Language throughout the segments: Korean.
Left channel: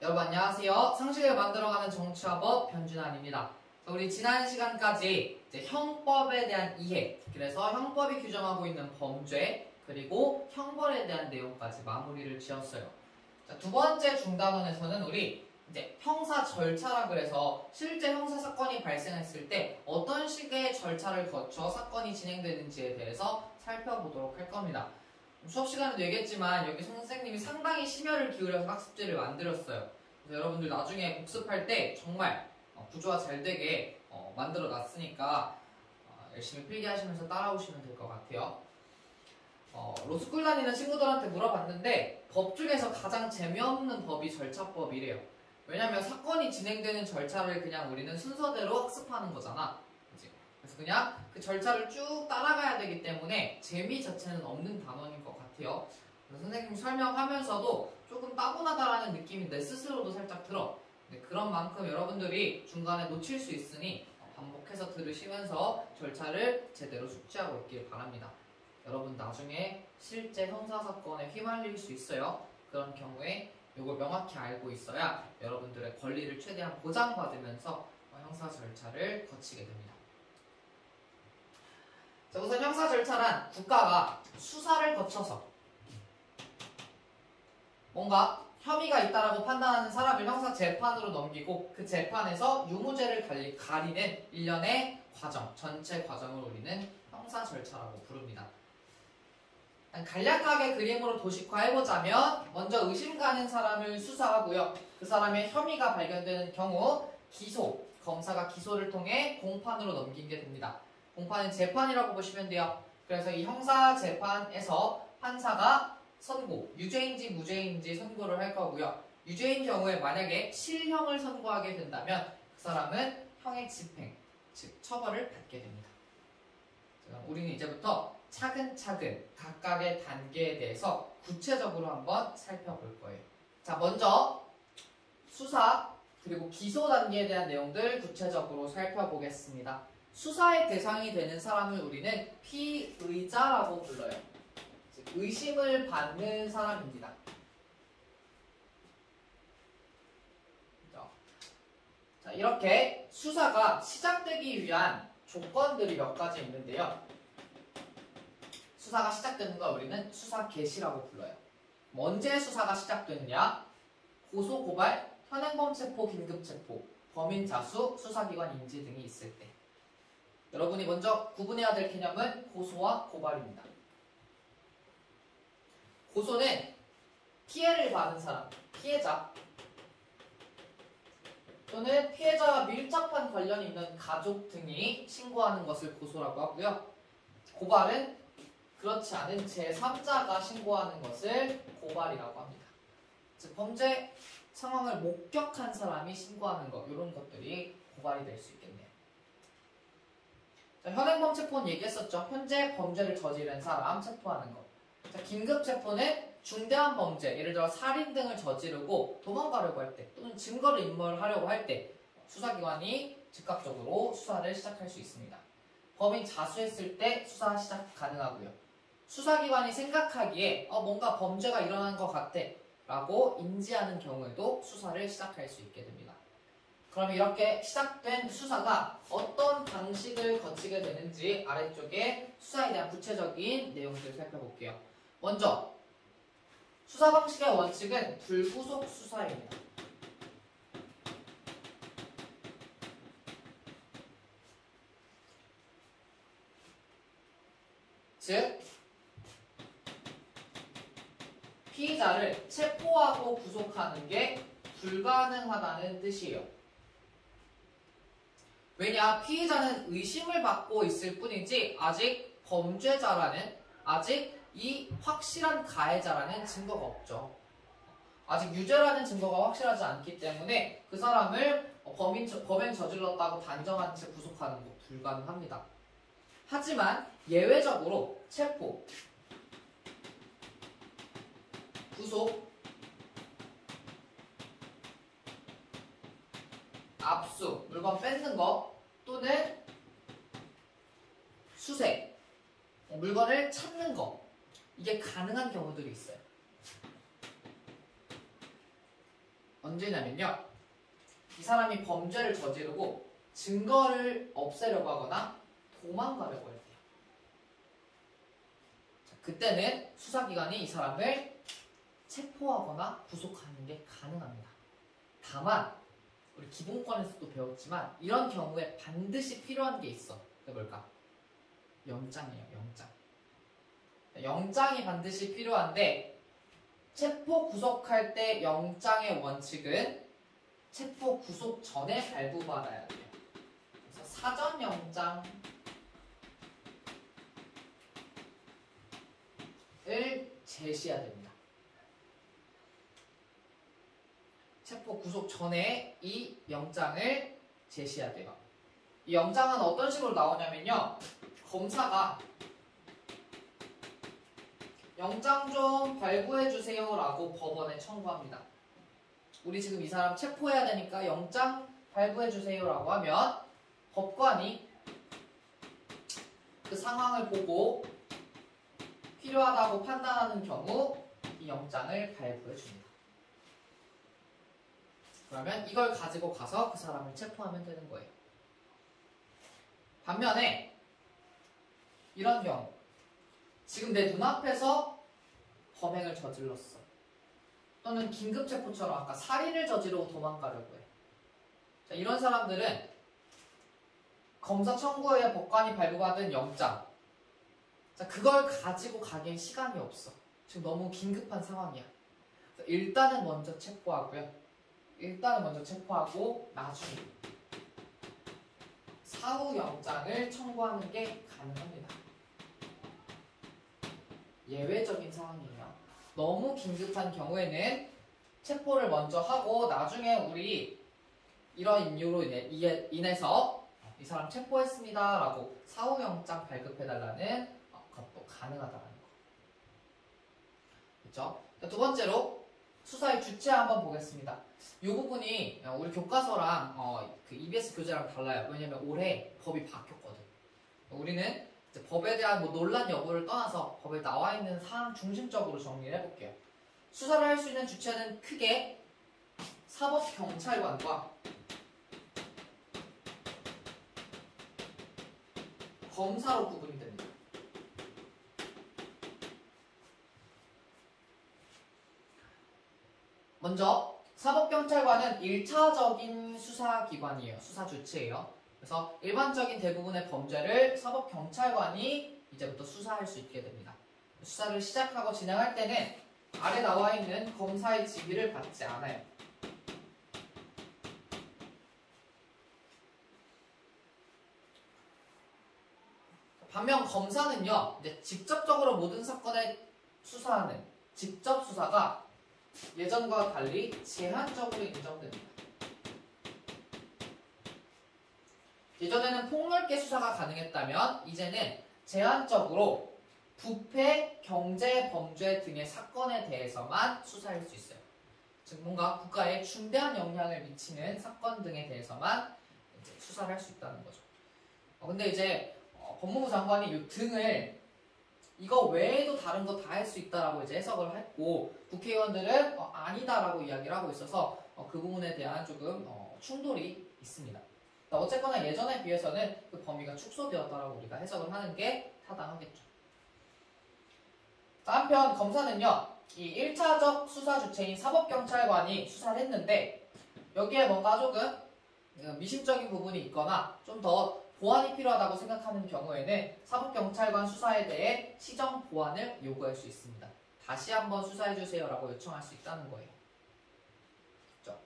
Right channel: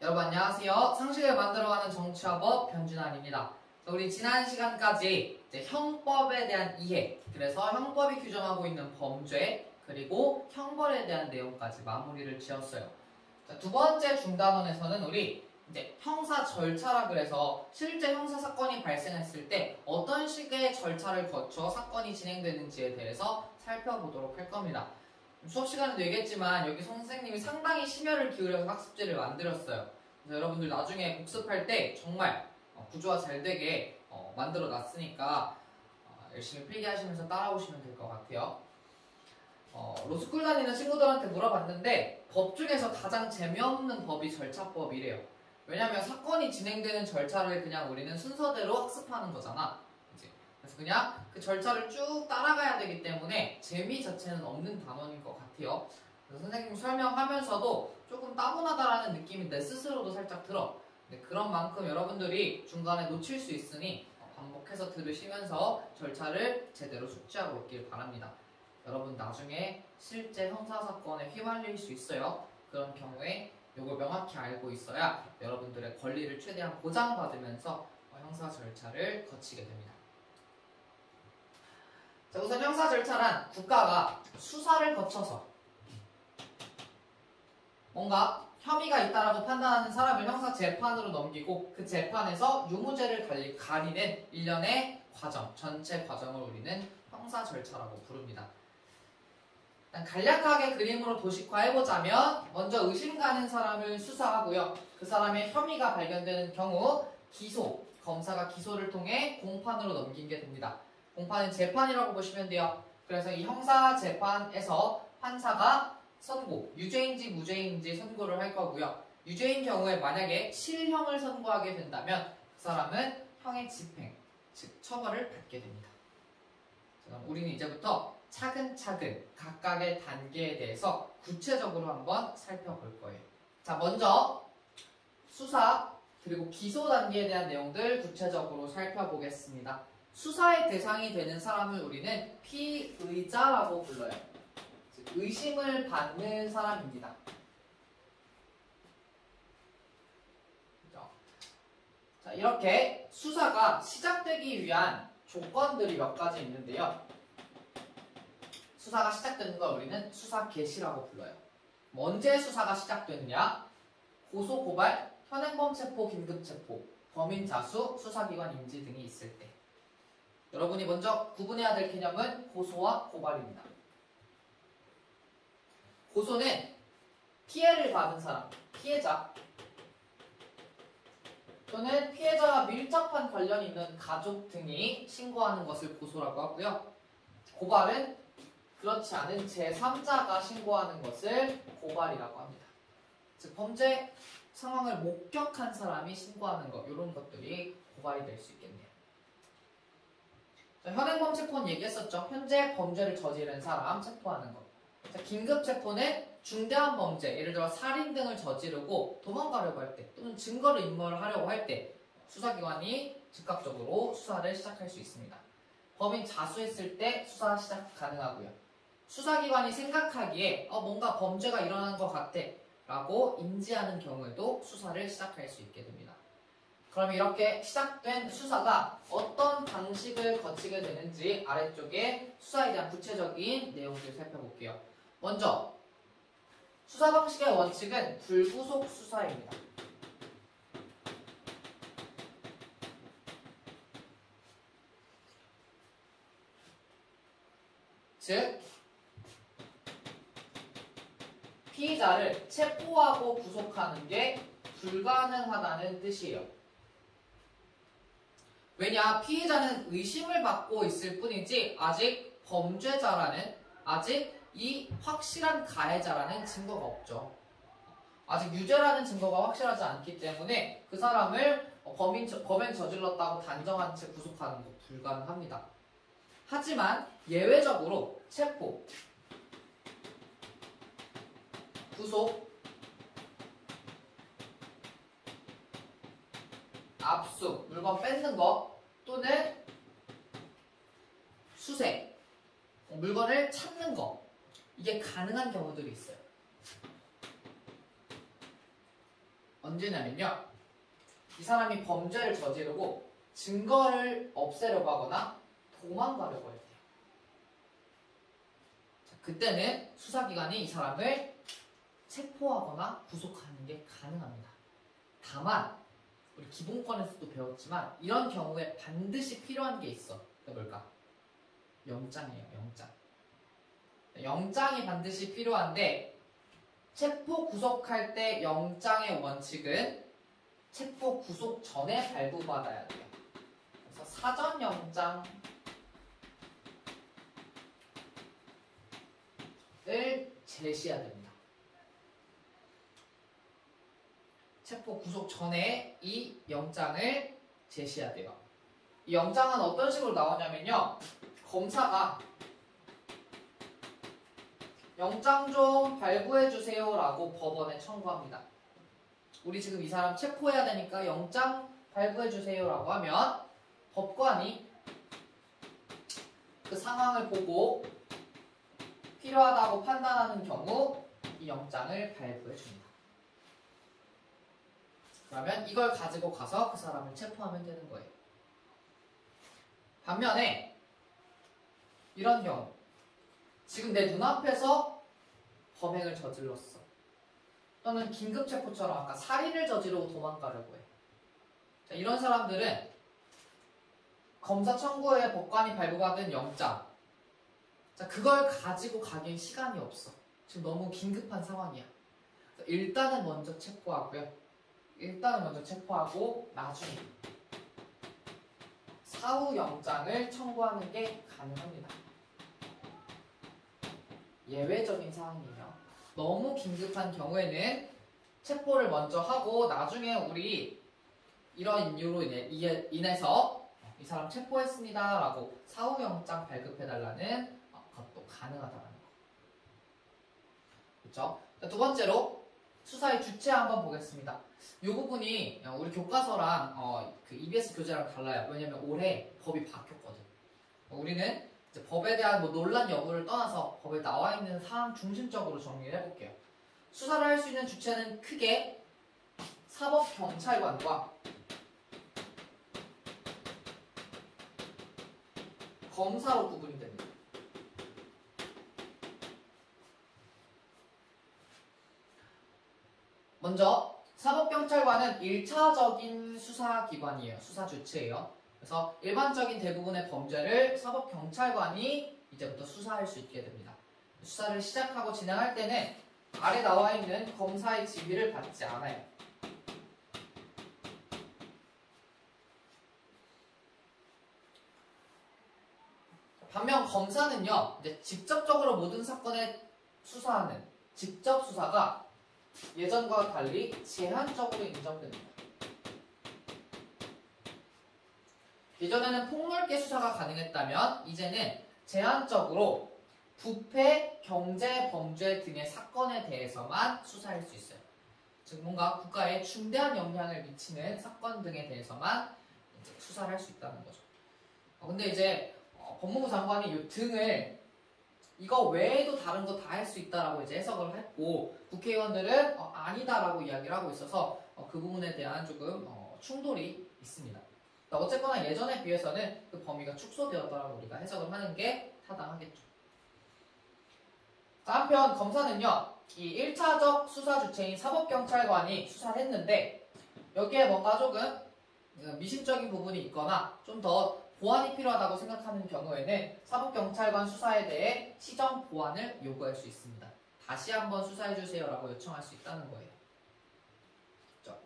여러분 안녕하세요. 상식을 만들어가는 정치화법 변준환입니다. 우리 지난 시간까지 이제 형법에 대한 이해, 그래서 형법이 규정하고 있는 범죄, 그리고 형벌에 대한 내용까지 마무리를 지었어요. 자, 두 번째 중단원에서는 우리 이제 형사 절차라 그래서 실제 형사 사건이 발생했을 때 어떤 식의 절차를 거쳐 사건이 진행되는지에 대해서 살펴보도록 할 겁니다. 수업 시간에도 얘기했지만 여기 선생님이 상당히 심혈을 기울여서 학습지를 만들었어요. 그래서 여러분들 나중에 복습할 때 정말 구조화 잘 되게 만들어 놨으니까 열심히 필기하시면서 따라오시면 될 것 같아요. 로스쿨 다니는 친구들한테 물어봤는데 법 중에서 가장 재미없는 법이 절차법이래요. 왜냐면 사건이 진행되는 절차를 그냥 우리는 순서대로 학습하는 거잖아. 그치? 그래서 그냥 그 절차를 쭉 따라가야 되기 때문에 재미 자체는 없는 단원인 것 같아요. 그래서 선생님 설명하면서도 조금 따분하다라는 느낌이 내 스스로도 살짝 들어. 근데 그런 만큼 여러분들이 중간에 놓칠 수 있으니 반복해서 들으시면서 절차를 제대로 숙지하고 있길 바랍니다. 여러분 나중에 실제 형사사건에 휘말릴 수 있어요. 그런 경우에 이걸 명확히 알고 있어야 여러분들의 권리를 최대한 보장받으면서 형사 절차를 거치게 됩니다. 자, 우선 형사 절차란 국가가 수사를 거쳐서 뭔가 혐의가 있다라고 판단하는 사람을 형사 재판으로 넘기고 그 재판에서 유무죄를 가리는 일련의 과정, 전체 과정을 우리는 형사 절차라고 부릅니다. 간략하게 그림으로 도식화해보자면 먼저 의심 가는 사람을 수사하고요. 그 사람의 혐의가 발견되는 경우 기소, 검사가 기소를 통해 공판으로 넘기게 됩니다. 공판은 재판이라고 보시면 돼요. 그래서 이 형사재판에서 판사가 선고, 유죄인지 무죄인지 선고를 할 거고요. 유죄인 경우에 만약에 실형을 선고하게 된다면 그 사람은 형의 집행, 즉 처벌을 받게 됩니다. 자, 우리는 이제부터 차근차근 각각의 단계에 대해서 구체적으로 한번 살펴볼 거예요. 자, 먼저 수사 그리고 기소 단계에 대한 내용들 구체적으로 살펴보겠습니다. 수사의 대상이 되는 사람을 우리는 피의자라고 불러요. 즉, 의심을 받는 사람입니다. 자, 이렇게 수사가 시작되기 위한 조건들이 몇 가지 있는데요. 수사가 시작되는 걸 우리는 수사 개시라고 불러요. 언제 수사가 시작되느냐? 고소, 고발, 현행범 체포, 긴급 체포, 범인 자수, 수사기관 인지 등이 있을 때. 여러분이 먼저 구분해야 될 개념은 고소와 고발입니다. 고소는 피해를 받은 사람, 피해자 또는 피해자와 밀접한 관련이 있는 가족 등이 신고하는 것을 고소라고 하고요. 고발은 그렇지 않은 제3자가 신고하는 것을 고발이라고 합니다. 즉 범죄 상황을 목격한 사람이 신고하는 것, 이런 것들이 고발이 될 수 있겠네요. 자, 현행범 체포는 얘기했었죠. 현재 범죄를 저지른 사람 체포하는 것. 자, 긴급 체포는 중대한 범죄, 예를 들어 살인 등을 저지르고 도망가려고 할 때 또는 증거를 인멸하려고 할 때 수사기관이 즉각적으로 수사를 시작할 수 있습니다. 범인 자수했을 때 수사 시작 가능하고요. 수사기관이 생각하기에 뭔가 범죄가 일어난 것 같아 라고 인지하는 경우에도 수사를 시작할 수 있게 됩니다. 그럼 이렇게 시작된 수사가 어떤 방식을 거치게 되는지 아래쪽에 수사에 대한 구체적인 내용들을 살펴볼게요. 먼저 수사 방식의 원칙은 불구속 수사입니다. 즉 피의자를 체포하고 구속하는 게 불가능하다는 뜻이에요. 왜냐? 피의자는 의심을 받고 있을 뿐이지 아직 범죄자라는, 아직 이 확실한 가해자라는 증거가 없죠. 아직 유죄라는 증거가 확실하지 않기 때문에 그 사람을 범행 저질렀다고 단정한 채 구속하는 거 불가능합니다. 하지만 예외적으로 체포, 구속, 압수, 물건 뺏는 거 또는 수색, 물건을 찾는 거, 이게 가능한 경우들이 있어요. 언제냐면요, 이 사람이 범죄를 저지르고 증거를 없애려고 하거나 도망가려고 할 때요. 그때는 수사기관이 이 사람을 체포하거나 구속하는 게 가능합니다. 다만 우리 기본권에서도 배웠지만 이런 경우에 반드시 필요한 게 있어. 그게 뭘까? 영장이에요. 영장. 영장이 반드시 필요한데 체포 구속할 때 영장의 원칙은 체포 구속 전에 발부받아야 돼요. 그래서 사전 영장을 제시해야 됩니다. 체포 구속 전에 이 영장을 제시해야 돼요. 이 영장은 어떤 식으로 나오냐면요, 검사가 영장 좀 발부해주세요 라고 법원에 청구합니다. 우리 지금 이 사람 체포해야 되니까 영장 발부해주세요 라고 하면 법관이 그 상황을 보고 필요하다고 판단하는 경우 이 영장을 발부해줍니다. 그러면 이걸 가지고 가서 그 사람을 체포하면 되는 거예요. 반면에 이런 경우, 지금 내 눈앞에서 범행을 저질렀어. 또는 긴급체포처럼 아까 살인을 저지르고 도망가려고 해. 자, 이런 사람들은 검사 청구에 법관이 발부받은 영장, 자, 그걸 가지고 가기엔 시간이 없어. 지금 너무 긴급한 상황이야. 일단은 먼저 체포하고요. 일단은 먼저 체포하고 나중에 사후 영장을 청구하는 게 가능합니다. 예외적인 상황이에요. 너무 긴급한 경우에는 체포를 먼저 하고 나중에 우리 이런 이유로 인해서 이 사람 체포했습니다 라고 사후 영장 발급해달라는 것도 가능하다는 거. 그렇죠? 두 번째로 수사의 주체 한번 보겠습니다. 이 부분이 우리 교과서랑 그 EBS 교재랑 달라요. 왜냐면 올해 법이 바뀌었거든. 우리는 이제 법에 대한 논란 여부를 떠나서 법에 나와 있는 사항 중심적으로 정리를 해볼게요. 수사를 할 수 있는 주체는 크게 사법경찰관과 검사로 구분이 됩니다. 먼저 사법경찰관은 1차적인 수사기관이에요. 수사 주체예요. 그래서 일반적인 대부분의 범죄를 사법경찰관이 이제부터 수사할 수 있게 됩니다. 수사를 시작하고 진행할 때는 아래 나와 있는 검사의 지휘를 받지 않아요. 반면 검사는요, 이제 직접적으로 모든 사건을 수사하는 직접 수사가 예전과 달리 제한적으로 인정됩니다. 예전에는 폭넓게 수사가 가능했다면 이제는 제한적으로 부패, 경제, 범죄 등의 사건에 대해서만 수사할 수 있어요. 즉 뭔가 국가에 중대한 영향을 미치는 사건 등에 대해서만 이제 수사를 할 수 있다는 거죠. 근데 이제 법무부 장관이 이 등을 이거 외에도 다른 거 다 할 수 있다라고 이제 해석을 했고 국회의원들은 아니다라고 이야기를 하고 있어서 그 부분에 대한 조금 충돌이 있습니다. 어쨌거나 예전에 비해서는 그 범위가 축소되었다라고 우리가 해석을 하는 게 타당하겠죠. 한편 검사는요, 이 1차적 수사 주체인 사법경찰관이 수사를 했는데 여기에 뭔가 조금 미심적인 부분이 있거나 좀 더 보완이 필요하다고 생각하는 경우에는 사법경찰관 수사에 대해 시정 보완을 요구할 수 있습니다. 다시 한번 수사해주세요 라고 요청할 수 있다는 거예요. 그렇죠?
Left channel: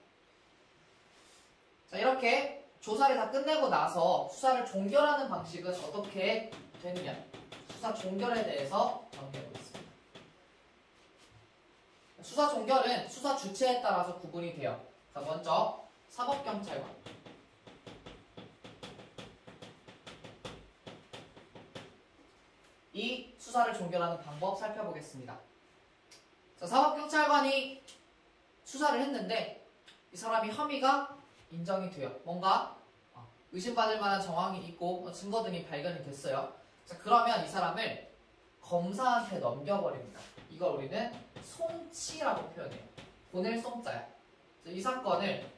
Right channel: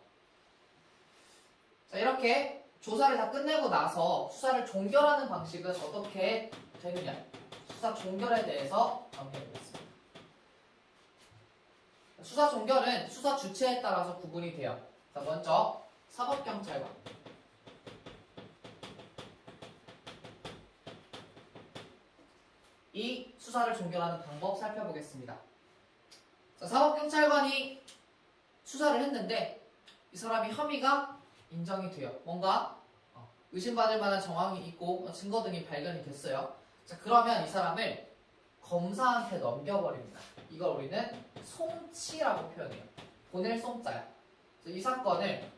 자, 이렇게 조사를 다 끝내고 나서 수사를 종결하는 방식은 어떻게 되느냐, 수사 종결에 대해서 정리해보겠습니다. 수사 종결은 수사 주체에 따라서 구분이 돼요. 자, 먼저 사법경찰관, 이 수사를 종결하는 방법 살펴보겠습니다. 자, 사법경찰관이 수사를 했는데 이 사람이 혐의가 인정이 돼요. 뭔가 의심받을 만한 정황이 있고 증거 등이 발견이 됐어요. 자, 그러면 이 사람을 검사한테 넘겨버립니다. 이걸 우리는 송치라고 표현해요. 보낼 송자야. 이 사건을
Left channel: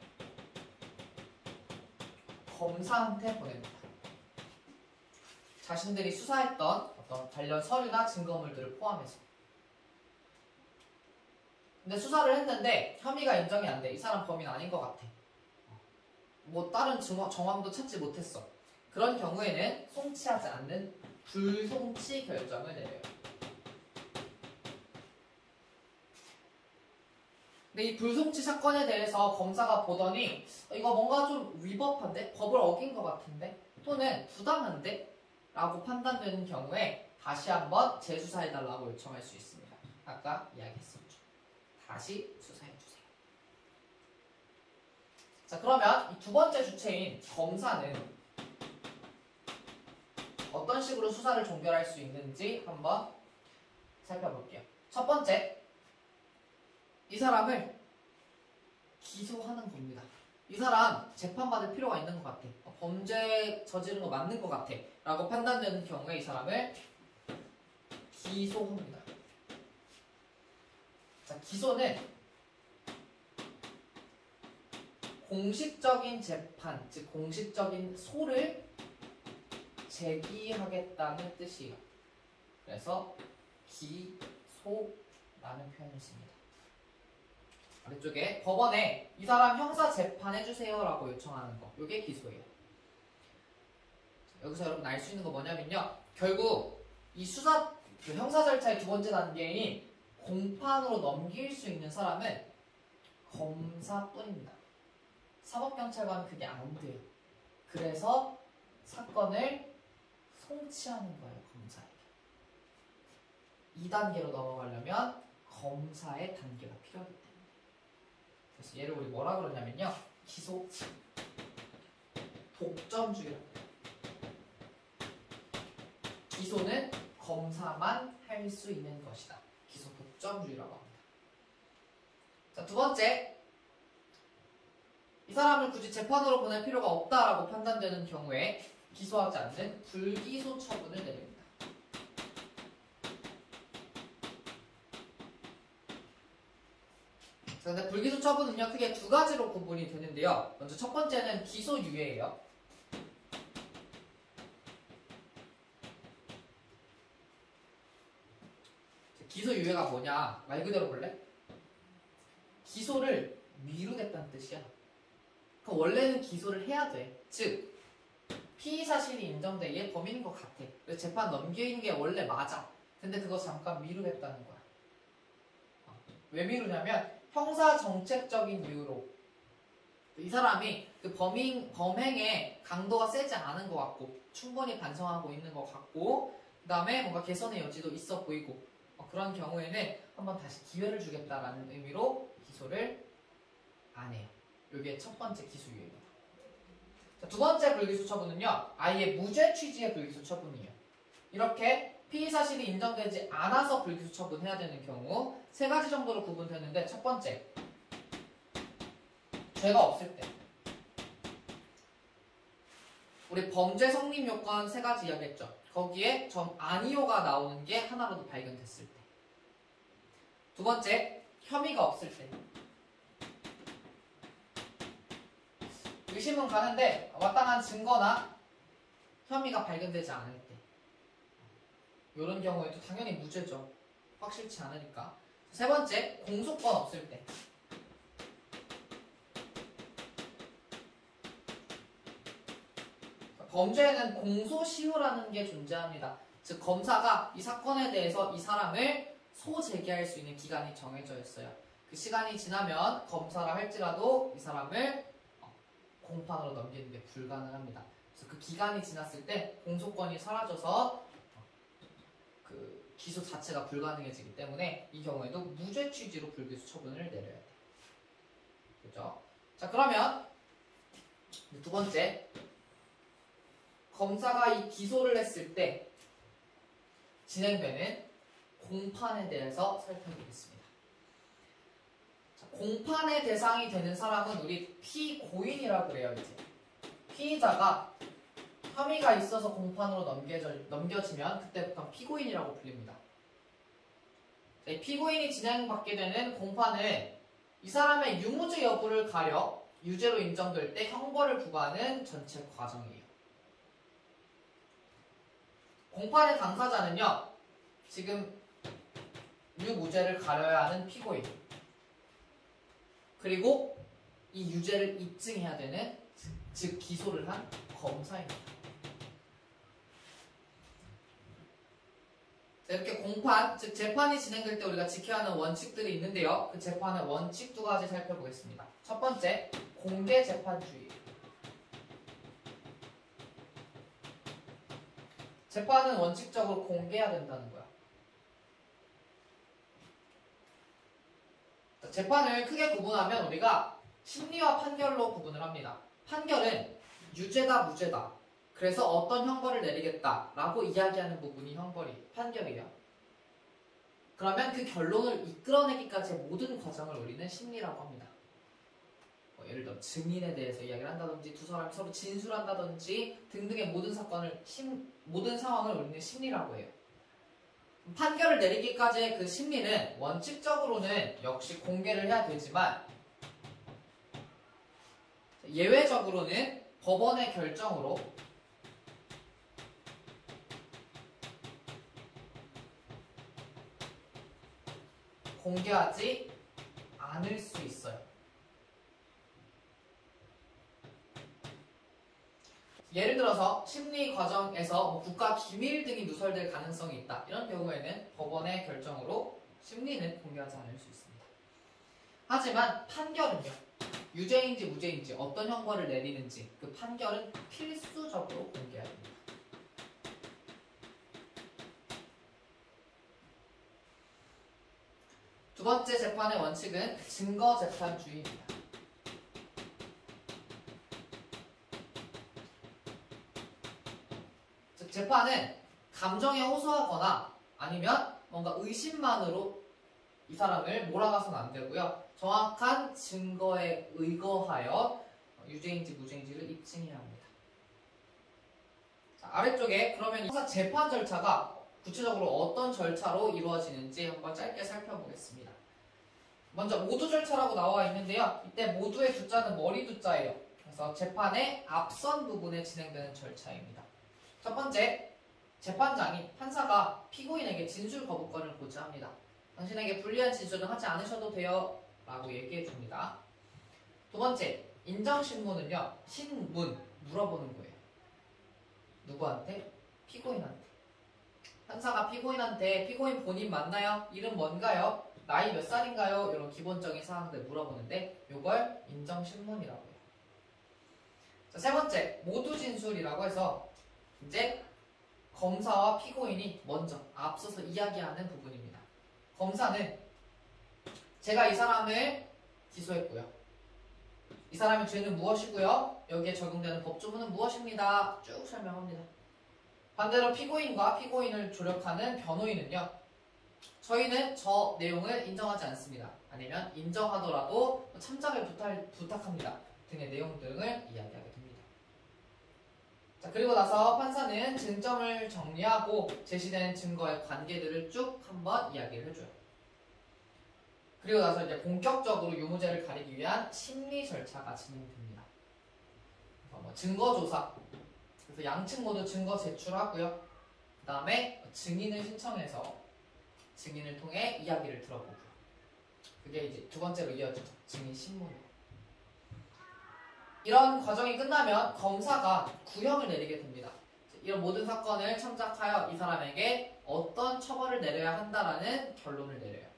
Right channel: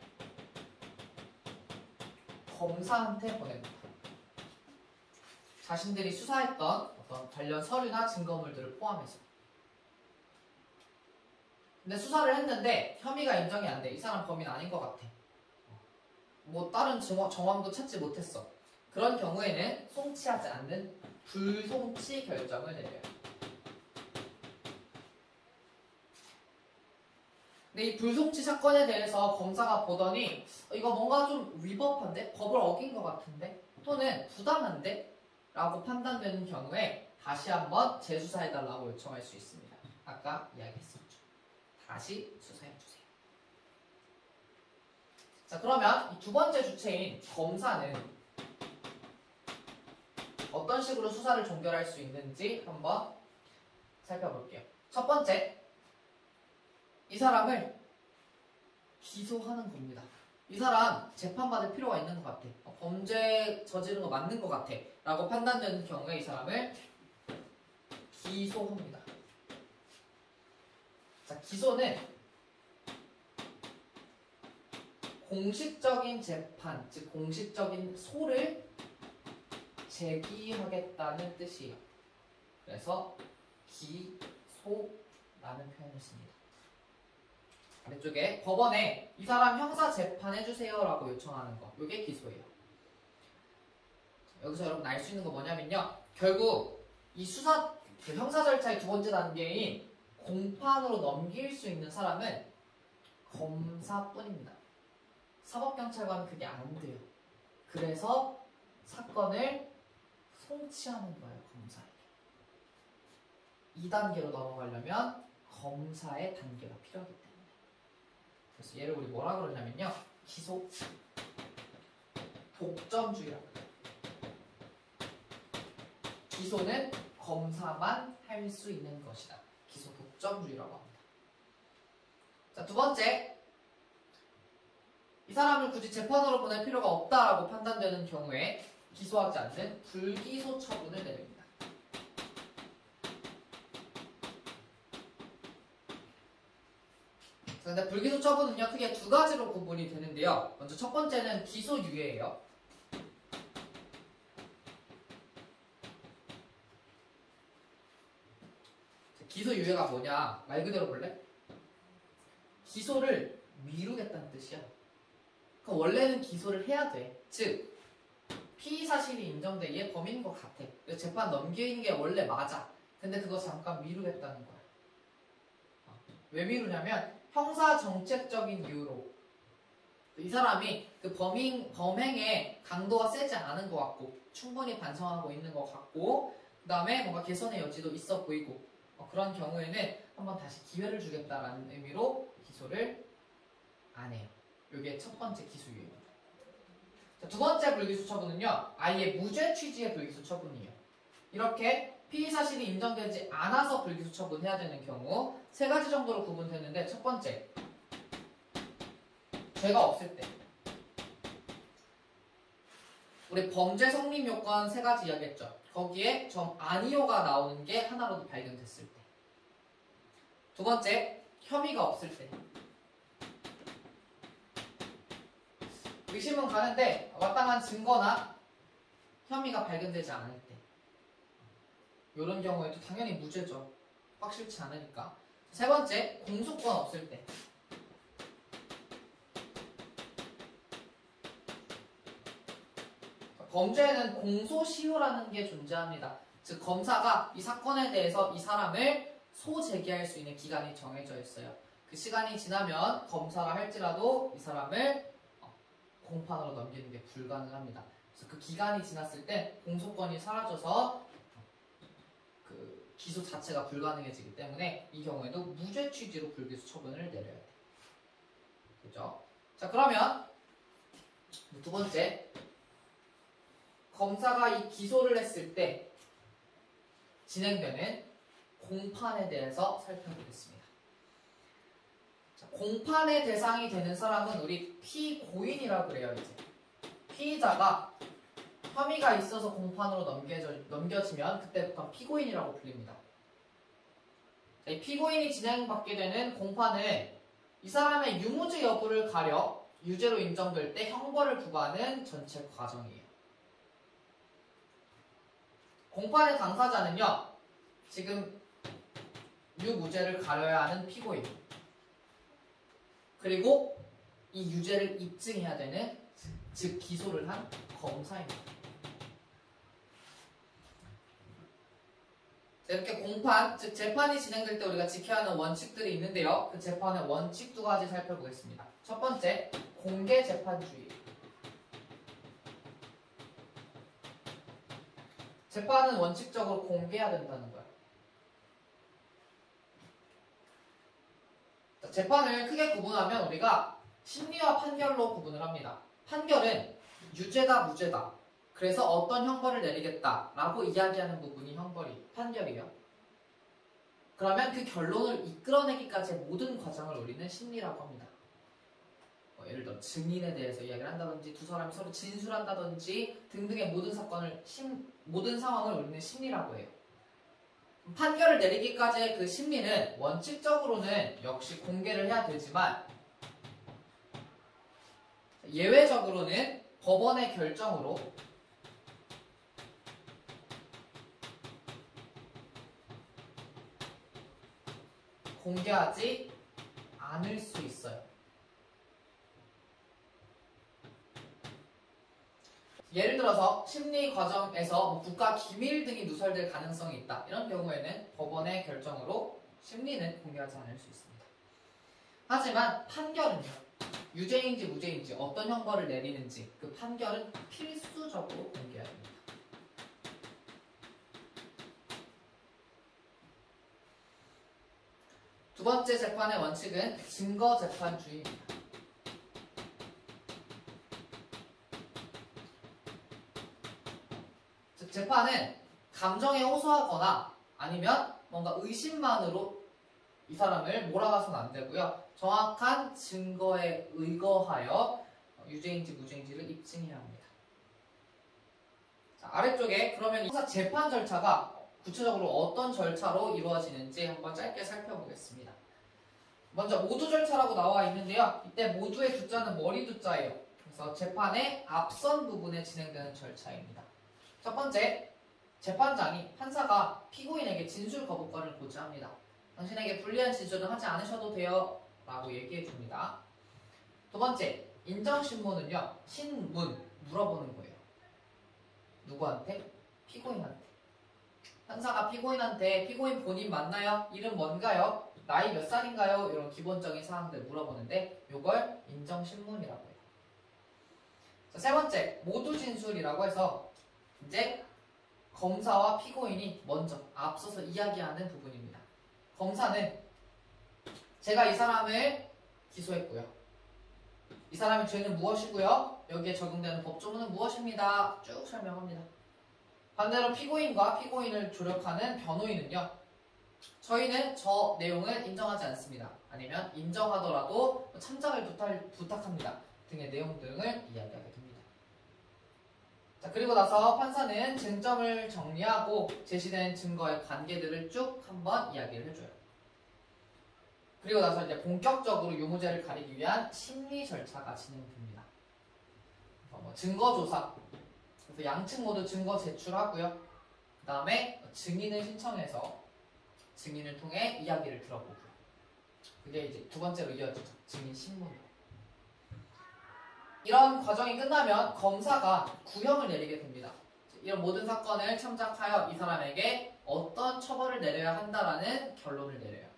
검사한테 보냅니다. 자신들이 수사했던 어떤 관련 서류나 증거물들을 포함해서. 근데 수사를 했는데 혐의가 인정이 안 돼. 이 사람 범인 아닌 것 같아. 뭐 다른 정황도 찾지 못했어. 그런 경우에는 송치하지 않는 불송치 결정을 내려요. 근데 이 불송치 사건에 대해서 검사가 보더니 이거 뭔가 좀 위법한데? 법을 어긴 것 같은데? 또는 부당한데? 라고 판단되는 경우에 다시 한번 재수사해달라고 요청할 수 있습니다. 아까 이야기했었죠. 다시 수사해주세요. 자, 그러면 이 두 번째 주체인 검사는 어떤 식으로 수사를 종결할 수 있는지 한번 살펴볼게요. 첫 번째, 이 사람을 기소하는 겁니다. 이 사람 재판받을 필요가 있는 것 같아. 범죄 저지른 거 맞는 것 같아. 라고 판단되는 경우에 이 사람을 기소합니다. 자, 기소는 공식적인 재판, 즉 공식적인 소를 제기하겠다는 뜻이에요. 그래서 기소라는 표현을 씁니다. 아래쪽에 법원에 이 사람 형사 재판해주세요 라고 요청하는 거, 이게 기소예요. 여기서 여러분 알 수 있는 거 뭐냐면요, 결국 이 수사 형사 절차의 두 번째 단계인 공판으로 넘길 수 있는 사람은 검사뿐입니다. 사법경찰관은 그게 안 돼요. 그래서 사건을 송치하는 거예요, 검사에게. 2단계로 넘어가려면 검사의 단계가 필요하기 때문에. 그래서 얘를 우리 뭐라 그러냐면요, 기소 독점주의라고 해요. 기소는 검사만 할 수 있는 것이다. 기소 독점주의라고 합니다. 자, 두 번째, 이 사람을 굳이 재판으로 보낼 필요가 없다라고 판단되는 경우에 기소하지 않는 불기소 처분을 내립니다. 자, 근데 불기소 처분은요, 크게 두 가지로 구분이 되는데요. 먼저 첫 번째는 기소유예예요. 기소유예가 뭐냐? 말 그대로 볼래? 기소를 미루겠다는 뜻이야. 그럼 원래는 기소를 해야 돼. 즉, 피의 사실이 인정돼. 얘 범인인 것 같아. 그래서 재판 넘기는 게 원래 맞아. 근데 그거 잠깐 미루겠다는 거야. 왜 미루냐면 형사 정책적인 이유로 이 사람이 그 범행의 강도가 세지 않은 것 같고 충분히 반성하고 있는 것 같고 그 다음에 뭔가 개선의 여지도 있어 보이고 그런 경우에는 한번 다시 기회를 주겠다라는 의미로 기소를 안 해요. 이게 첫 번째 기소유예입니다. 두 번째 불기소 처분은요, 아예 무죄 취지의 불기소 처분이에요. 이렇게 피의 사실이 인정되지 않아서 불기소 처분해야 되는 경우 세 가지 정도로 구분되는데, 첫 번째, 죄가 없을 때. 우리 범죄 성립 요건 세 가지 이야기했죠. 거기에 점 아니오가 나오는 게 하나라도 발견됐을 때. 두 번째, 혐의가 없을 때. 의심은 가는데 마땅한 증거나 혐의가 발견되지 않을 때. 이런 경우에도 당연히 무죄죠. 확실치 않으니까. 세 번째, 공소권 없을 때. 범죄에는 공소시효라는 게 존재합니다. 즉 검사가 이 사건에 대해서 이 사람을 소제기할 수 있는 기간이 정해져 있어요. 그 시간이 지나면 검사라 할지라도 이 사람을 공판으로 넘기는 게 불가능합니다. 그래서 그 기간이 지났을 때 공소권이 사라져서 그 기소 자체가 불가능해지기 때문에 이 경우에도 무죄 취지로 불기소 처분을 내려야 돼요. 그죠? 자, 그러면 두 번째, 검사가 이 기소를 했을 때 진행되는 공판에 대해서 살펴보겠습니다. 자, 공판의 대상이 되는 사람은 우리 피고인이라 그래요. 이제 피의자가 혐의가 있어서 공판으로 넘겨지면 그때부터 피고인이라고 불립니다. 이 피고인이 진행받게 되는 공판은 이 사람의 유무죄 여부를 가려 유죄로 인정될 때 형벌을 부과하는 전체 과정이에요. 공판의 당사자는요, 지금 유무죄를 가려야 하는 피고인, 그리고 이 유죄를 입증해야 되는, 즉 기소를 한 검사입니다. 이렇게 공판, 즉 재판이 진행될 때 우리가 지켜야 하는 원칙들이 있는데요. 그 재판의 원칙 2가지 살펴보겠습니다. 첫 번째, 공개 재판주의. 재판은 원칙적으로 공개해야 된다는 거야. 재판을 크게 구분하면 우리가 심리와 판결로 구분을 합니다. 판결은 유죄다, 무죄다. 그래서 어떤 형벌을 내리겠다라고 이야기하는 부분이 판결이에요. 그러면 그 결론을 이끌어내기까지의 모든 과정을 우리는 심리라고 합니다. 예를 들어 증인에 대해서 이야기를 한다든지 두 사람이 서로 진술한다든지 등등의 모든 상황을 우리는 심리라고 해요. 판결을 내리기까지의 그 심리는 원칙적으로는 역시 공개를 해야 되지만 예외적으로는 법원의 결정으로 공개하지 않을 수 있어요. 예를 들어서 심리 과정에서 국가 기밀 등이 누설될 가능성이 있다. 이런 경우에는 법원의 결정으로 심리는 공개하지 않을 수 있습니다. 하지만 판결은요, 유죄인지 무죄인지 어떤 형벌을 내리는지 그 판결은 필수적으로 공개해야 됩니다. 두 번째 재판의 원칙은 증거재판주의입니다. 즉 재판은 감정에 호소하거나 아니면 뭔가 의심만으로 이 사람을 몰아가서는 안 되고요. 정확한 증거에 의거하여 유죄인지 무죄인지를 입증해야 합니다. 자, 아래쪽에 그러면 재판 절차가 구체적으로 어떤 절차로 이루어지는지 한번 짧게 살펴보겠습니다. 먼저 모두 절차라고 나와 있는데요. 이때 모두의 두자는 머리 두자예요. 그래서 재판의 앞선 부분에 진행되는 절차입니다. 첫 번째, 재판장이 판사가 피고인에게 진술 거부권을 고지합니다. 당신에게 불리한 진술은 하지 않으셔도 돼요 라고 얘기해 줍니다. 두 번째, 인정신문은요, 신문, 물어보는 거예요. 누구한테? 피고인한테. 판사가 피고인한테 피고인 본인 맞나요? 이름 뭔가요? 나이 몇 살인가요? 이런 기본적인 사항들 물어보는데 이걸 인정신문이라고 해요. 자, 세 번째, 모두 진술이라고 해서 이제 검사와 피고인이 먼저 앞서서 이야기하는 부분입니다. 검사는 제가 이 사람을 기소했고요. 이 사람의 죄는 무엇이고요? 여기에 적용되는 법조문은 무엇입니다. 쭉 설명합니다. 반대로 피고인과 피고인을 조력하는 변호인은요, 저희는 저 내용을 인정하지 않습니다. 아니면 인정하더라도 참작을 부탁합니다. 등의 내용 등을 이야기하게 됩니다. 자, 그리고 나서 판사는 쟁점을 정리하고 제시된 증거의 관계들을 쭉 한번 이야기를 해줘요. 그리고 나서 이제 본격적으로 유무죄를 가리기 위한 심리 절차가 진행됩니다. 증거조사, 그래서 양측 모두 증거 제출하고요. 그 다음에 증인을 신청해서 증인을 통해 이야기를 들어보고요. 그게 이제 두 번째로 이어지죠. 증인 신문으로. 이런 과정이 끝나면 검사가 구형을 내리게 됩니다. 이런 모든 사건을 참작하여 이 사람에게 어떤 처벌을 내려야 한다라는 결론을 내려요.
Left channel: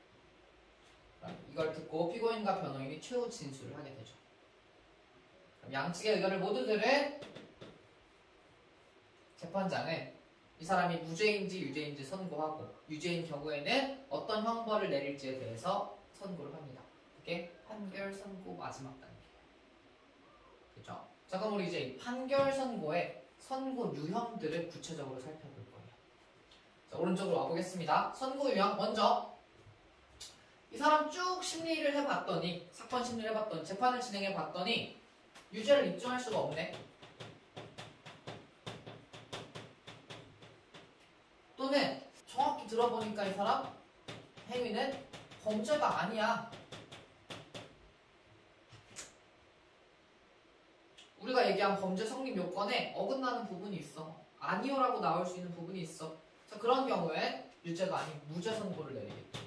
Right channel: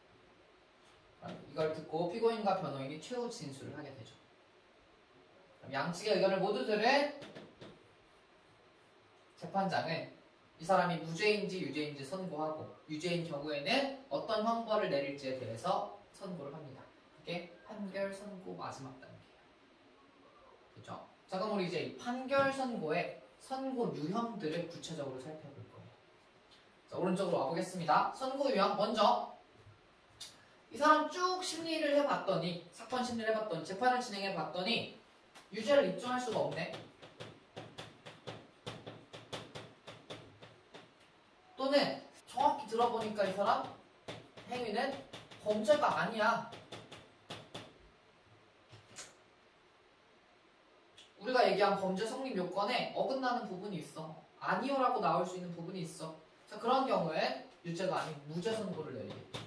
이걸 듣고 피고인과 변호인이 최후 진술을 하게 되죠. 양측의 의견을 모두 들은 재판장은 이 사람이 무죄인지 유죄인지 선고하고 유죄인 경우에는 어떤 형벌을 내릴지에 대해서 선고를 합니다. 그게 판결 선고 마지막 단계예요. 그렇죠? 자, 그럼 우리 이제 판결 선고의 선고 유형들을 구체적으로 살펴볼 거예요. 자, 오른쪽으로 와보겠습니다. 선고 유형 먼저 이 사람 쭉 심리를 해봤더니 사건 심리를 해봤더니 재판을 진행해봤더니 유죄를 입증할 수가 없네. 또는 정확히 들어보니까 이 사람 행위는 범죄가 아니야. 우리가 얘기한 범죄 성립 요건에 어긋나는 부분이 있어. 아니오라고 나올 수 있는 부분이 있어. 자, 그런 경우엔 유죄가 아닌 무죄 선고를 내리겠죠.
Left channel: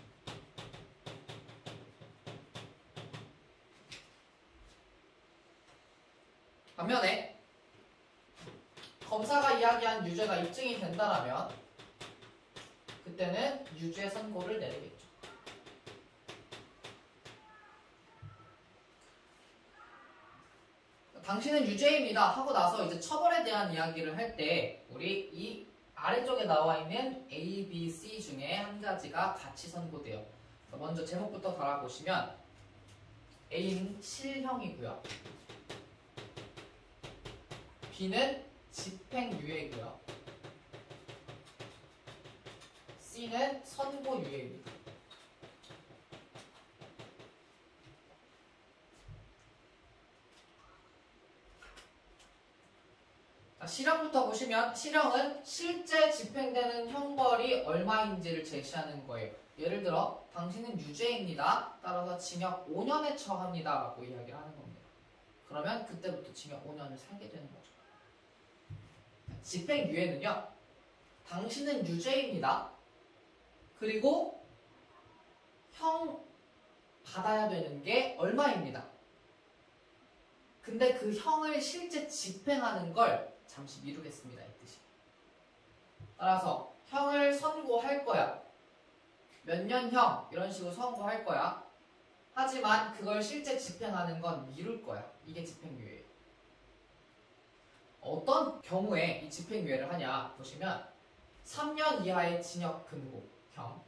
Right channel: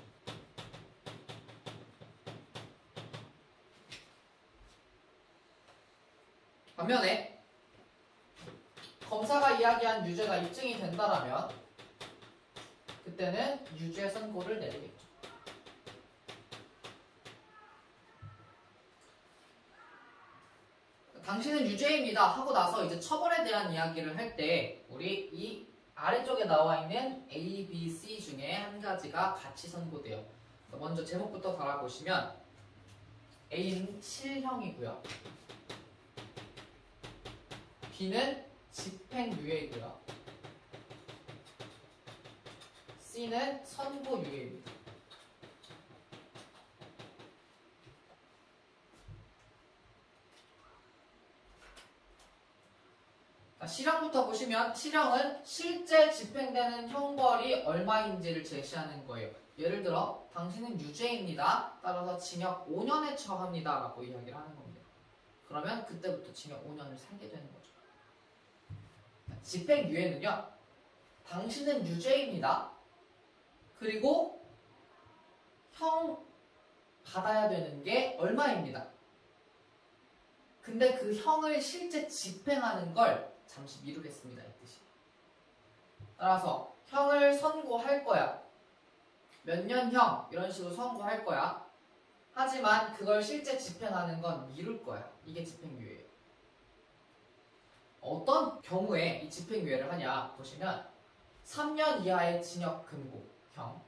반면에 검사가 이야기한 유죄가 입증이 된다라면 그때는 유죄 선고를 내리겠죠. 당신은 유죄입니다 하고 나서 이제 처벌에 대한 이야기를 할 때 우리 이 아래쪽에 나와 있는 A, B, C 중에 한 가지가 같이 선고돼요. 먼저 제목부터 달아보시면 A는 실형이고요. B는 집행유예이고요. C는 선고유예입니다. 실형부터 보시면 실형은 실제 집행되는 형벌이 얼마인지를 제시하는 거예요. 예를 들어 당신은 유죄입니다. 따라서 징역 5년에 처합니다 라고 이야기를 하는 겁니다. 그러면 그때부터 징역 5년을 살게 되는 거죠. 집행유예는요. 당신은 유죄입니다. 그리고 형 받아야 되는 게 얼마입니다. 근데 그 형을 실제 집행하는 걸 잠시 미루겠습니다. 이 뜻이. 따라서 형을 선고할 거야. 몇 년형 이런 식으로 선고할 거야. 하지만 그걸 실제 집행하는 건 미룰 거야. 이게 집행유예예요. 어떤 경우에 이 집행유예를 하냐 보시면 3년 이하의 징역 금고형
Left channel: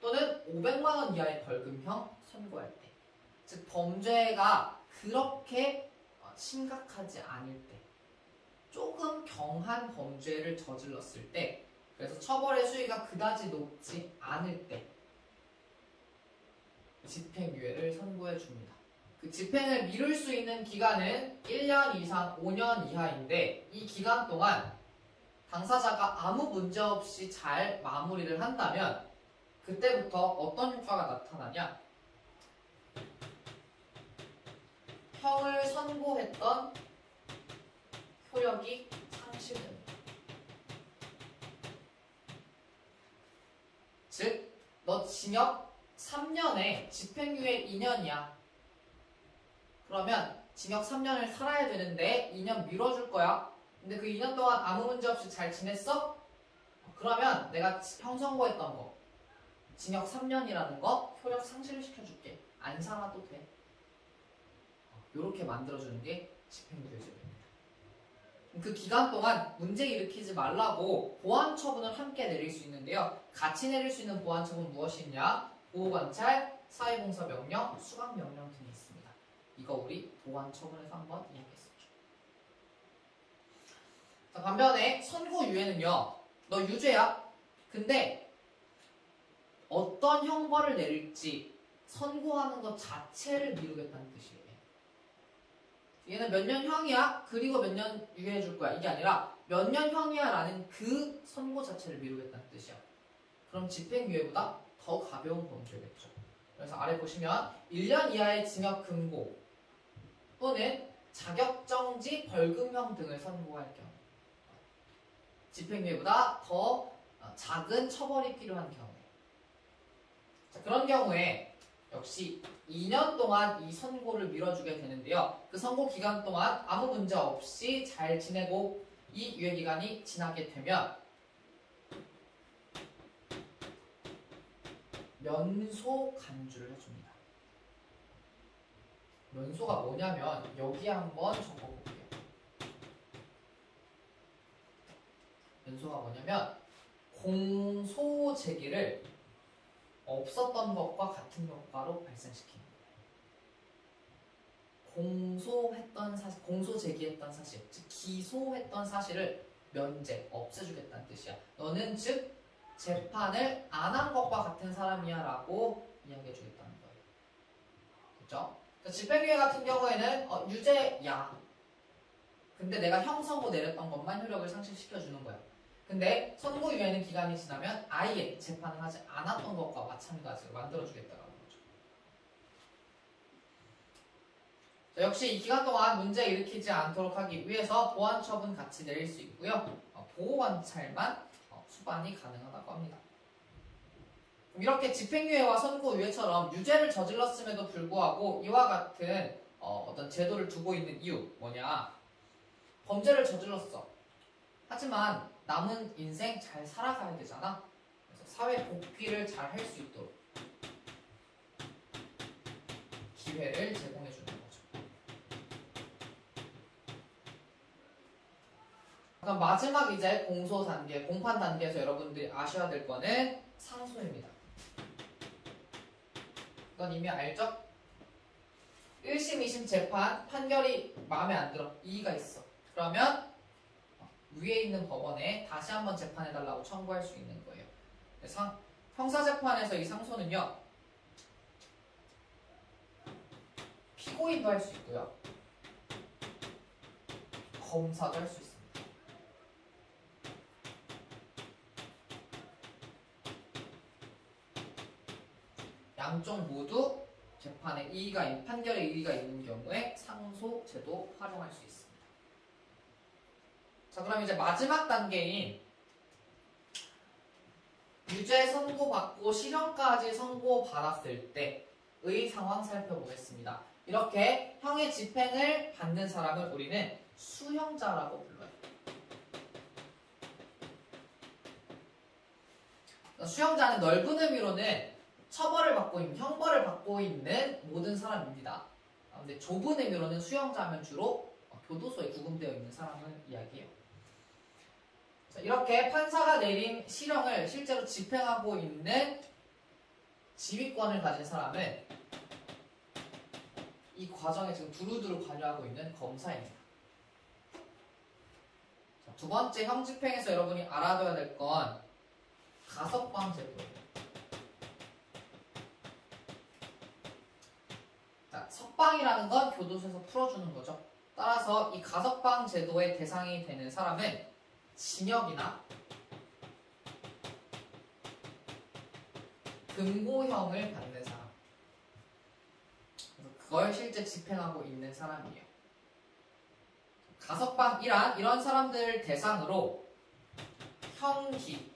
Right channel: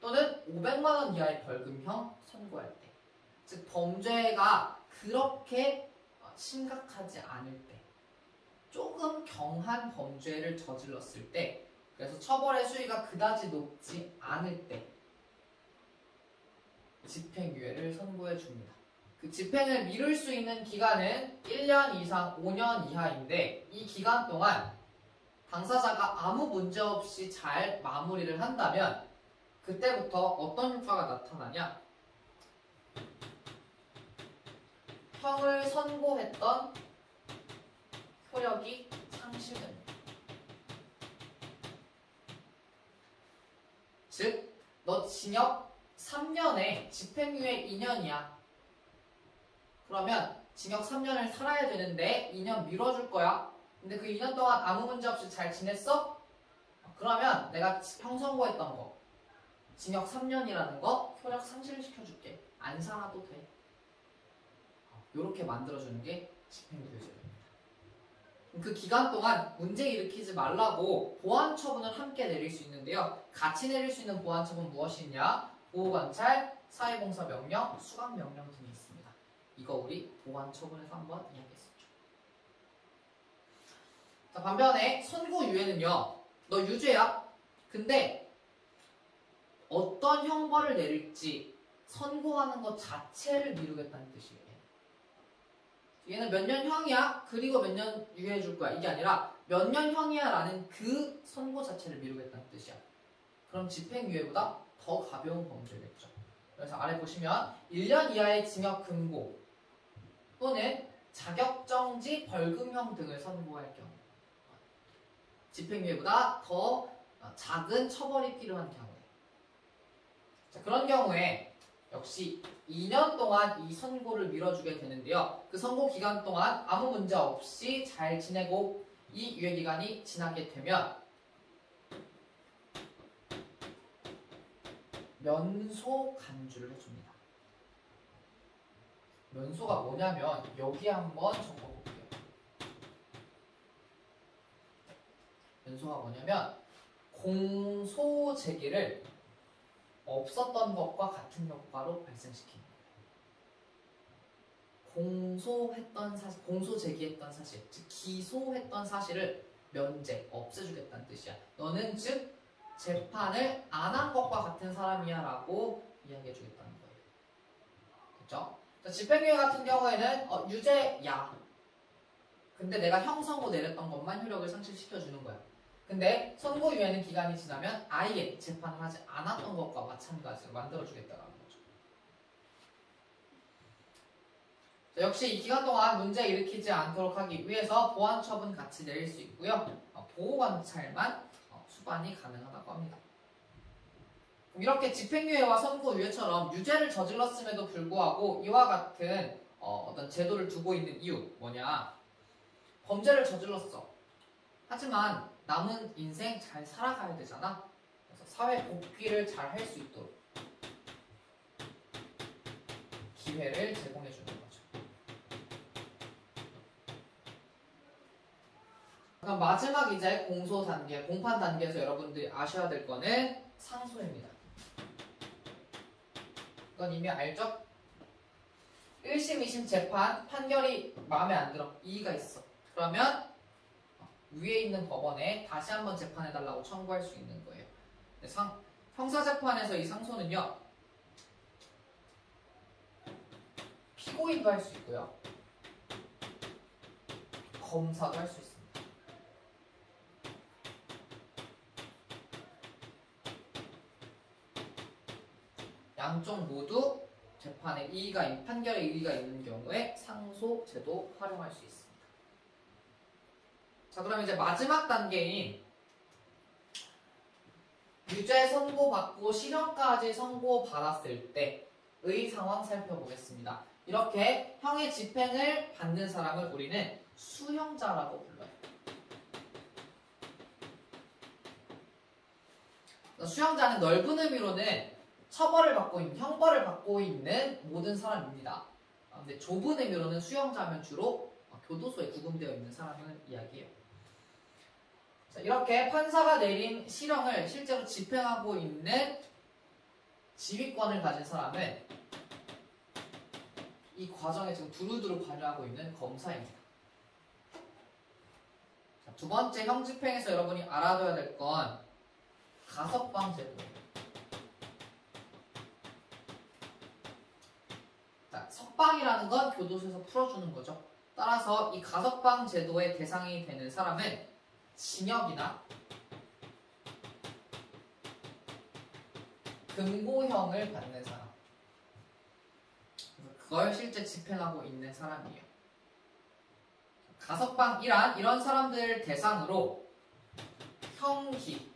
또는 500만 원 이하의 벌금형 선고할 때, 즉 범죄가 그렇게 심각하지 않을 때, 조금 경한 범죄를 저질렀을 때, 그래서 처벌의 수위가 그다지 높지 않을 때 집행유예를 선고해 줍니다. 그 집행을 미룰 수 있는 기간은 1년 이상 5년 이하인데 이 기간 동안 당사자가 아무 문제 없이 잘 마무리를 한다면 그때부터 어떤 효과가 나타나냐? 형을 선고했던 효력이 상실됩니다. 즉, 너 징역 3년에 집행유예 2년이야. 그러면 징역 3년을 살아야 되는데 2년 미뤄줄 거야. 근데 그 2년 동안 아무 문제 없이 잘 지냈어? 그러면 내가 형 선고했던 거 징역 3년이라는 거 효력 상실시켜줄게. 안 살아도 돼. 이렇게 만들어주는 게 집행유예죄입니다. 그 기간 동안 문제 일으키지 말라고 보완 처분을 함께 내릴 수 있는데요. 같이 내릴 수 있는 보완 처분 무엇이 있냐? 보호관찰, 사회봉사 명령, 수감 명령 등이 있습니다. 이거 우리 보완 처분에서 한번 이야기했었죠. 자, 반면에 선고유예는요. 너 유죄야. 근데 어떤 형벌을 내릴지 선고하는 것 자체를 미루겠다는 뜻이에요. 얘는 몇 년 형이야. 그리고 몇 년 유예해 줄 거야. 이게 아니라 몇 년 형이야 라는 그 선고 자체를 미루겠다는 뜻이야. 그럼 집행유예보다 더 가벼운 범죄겠죠. 그래서 아래 보시면 1년 이하의 징역 금고 또는 자격정지 벌금형 등을 선고할 경우, 집행유예보다 더 작은 처벌이 필요한 경우에, 자, 그런 경우에 역시 2년 동안 이 선고를 미뤄주게 되는데요. 그 선고 기간 동안 아무 문제 없이 잘 지내고 이 유예기간이 지나게 되면 면소 간주를 해줍니다. 면소가 뭐냐면 여기에 한번 적어볼게요. 면소가 뭐냐면 공소 제기를 없었던 것과 같은 효과로 발생시킵니다. 공소했던 사실, 공소 제기했던 사실, 즉 기소했던 사실을 면제, 없애주겠다는 뜻이야. 너는 즉 재판을 안 한 것과 같은 사람이야 라고 이야기해주겠다는 거예요. 됐죠? 집행유예 같은 경우에는 유죄야. 근데 내가 형 선고 내렸던 것만 효력을 상실시켜주는 거야. 근데 선고유예는 기간이 지나면 아예 재판을 하지 않았던 것과 마찬가지로 만들어주겠다라는 거죠. 자, 역시 이 기간 동안 문제 일으키지 않도록 하기 위해서 보완처분 같이 내릴 수 있고요. 보호관찰만 수반이 가능하다고 합니다. 이렇게 집행유예와 선고유예처럼 유죄를 저질렀음에도 불구하고 이와 같은 어떤 제도를 두고 있는 이유 뭐냐? 범죄를 저질렀어. 하지만 남은 인생 잘 살아가야 되잖아. 그래서 사회 복귀를 잘 할 수 있도록 기회를 제공해 주는 거죠. 그럼 마지막 이제 공소 단계, 공판 단계에서 여러분들이 아셔야 될 거는 상소입니다. 이건 이미 알죠? 1심, 2심 재판 판결이 마음에 안 들어. 이의가 있어. 그러면 위에 있는 법원에 다시 한번 재판해달라고 청구할 수 있는 거예요. 형사재판에서 이 상소는요, 피고인도 할 수 있고요, 검사도 할 수 있습니다. 양쪽 모두 재판에 판결에 이의가 있는 경우에 상소 제도 활용할 수 있습니다. 자, 그럼 이제 마지막 단계인 유죄 선고받고 실형까지 선고받았을 때의 상황 살펴보겠습니다. 이렇게 형의 집행을 받는 사람을 우리는 수형자라고 불러요. 수형자는 넓은 의미로는 처벌을 받고 있는, 형벌을 받고 있는 모든 사람입니다. 근데 좁은 의미로는 수형자면 주로 교도소에 구금되어 있는 사람을 이야기해요. 자, 이렇게 판사가 내린 실형을 실제로 집행하고 있는 지휘권을 가진 사람은 이 과정에 지금 두루두루 관여하고 있는 검사입니다. 자, 두 번째 형 집행에서 여러분이 알아둬야 될 건 가석방 제도예요. 자, 석방이라는 건 교도소에서 풀어주는 거죠. 따라서 이 가석방 제도의 대상이 되는 사람은 징역이나 금고형을 받는 사람, 그걸 실제 집행하고 있는 사람이에요. 가석방이란 이런 사람들을 대상으로 형기,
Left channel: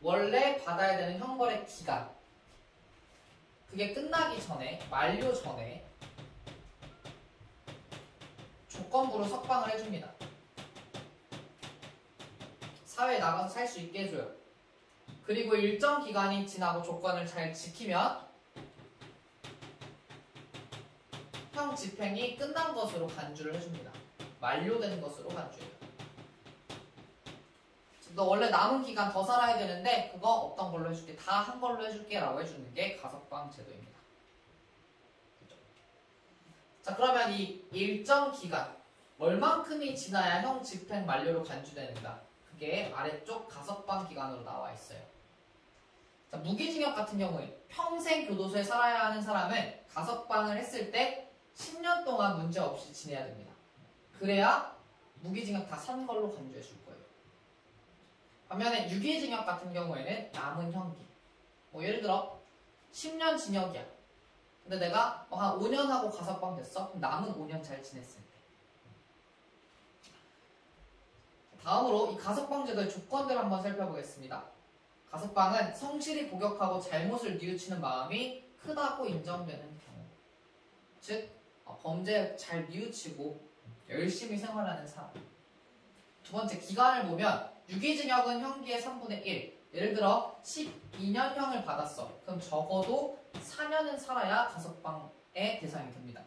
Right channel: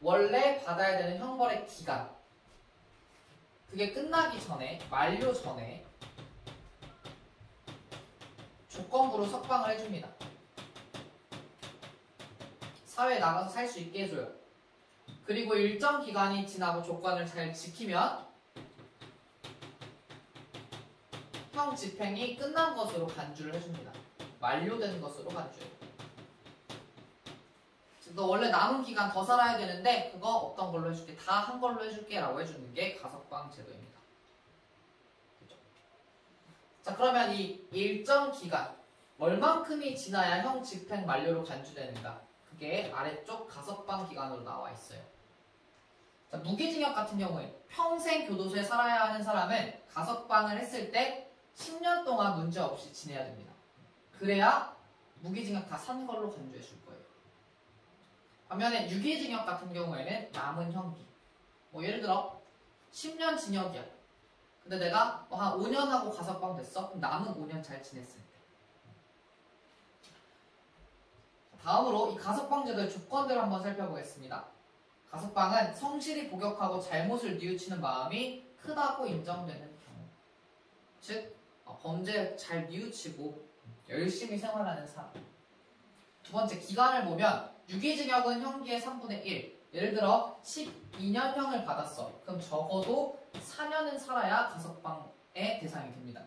원래 받아야 되는 형벌의 기간, 그게 끝나기 전에, 만료 전에 조건부로 석방을 해줍니다. 사회에 나가서 살 수 있게 해줘요. 그리고 일정 기간이 지나고 조건을 잘 지키면 형 집행이 끝난 것으로 간주를 해줍니다. 만료된 것으로 간주해요. 너 원래 남은 기간 더 살아야 되는데 그거 없던 걸로 해줄게. 다 한 걸로 해줄게 라고 해주는 게 가석방 제도입니다. 그렇죠? 자, 그러면 이 일정 기간 얼만큼이 지나야 형 집행 만료로 간주되는가? 그게 아래쪽 가석방 기간으로 나와 있어요. 자, 무기징역 같은 경우에 평생 교도소에 살아야 하는 사람은 가석방을 했을 때 10년 동안 문제없이 지내야 됩니다. 그래야 무기징역 다 산 걸로 간주해 줄 거예요. 반면에 유기징역 같은 경우에는 남은 형기, 예를 들어 10년 징역이야. 근데 내가 한 5년 하고 가석방 됐어? 그럼 남은 5년 잘 지냈을 때. 다음으로 이 가석방 제도의 조건들을 한번 살펴보겠습니다. 가석방은 성실히 복역하고 잘못을 뉘우치는 마음이 크다고 인정되는 경우, 즉 범죄 잘 뉘우치고 열심히 생활하는 사람. 두 번째, 기간을 보면 유기징역은 형기의 3분의 1, 예를 들어 12년형을 받았어. 그럼 적어도 4년은 살아야 가석방의 대상이 됩니다.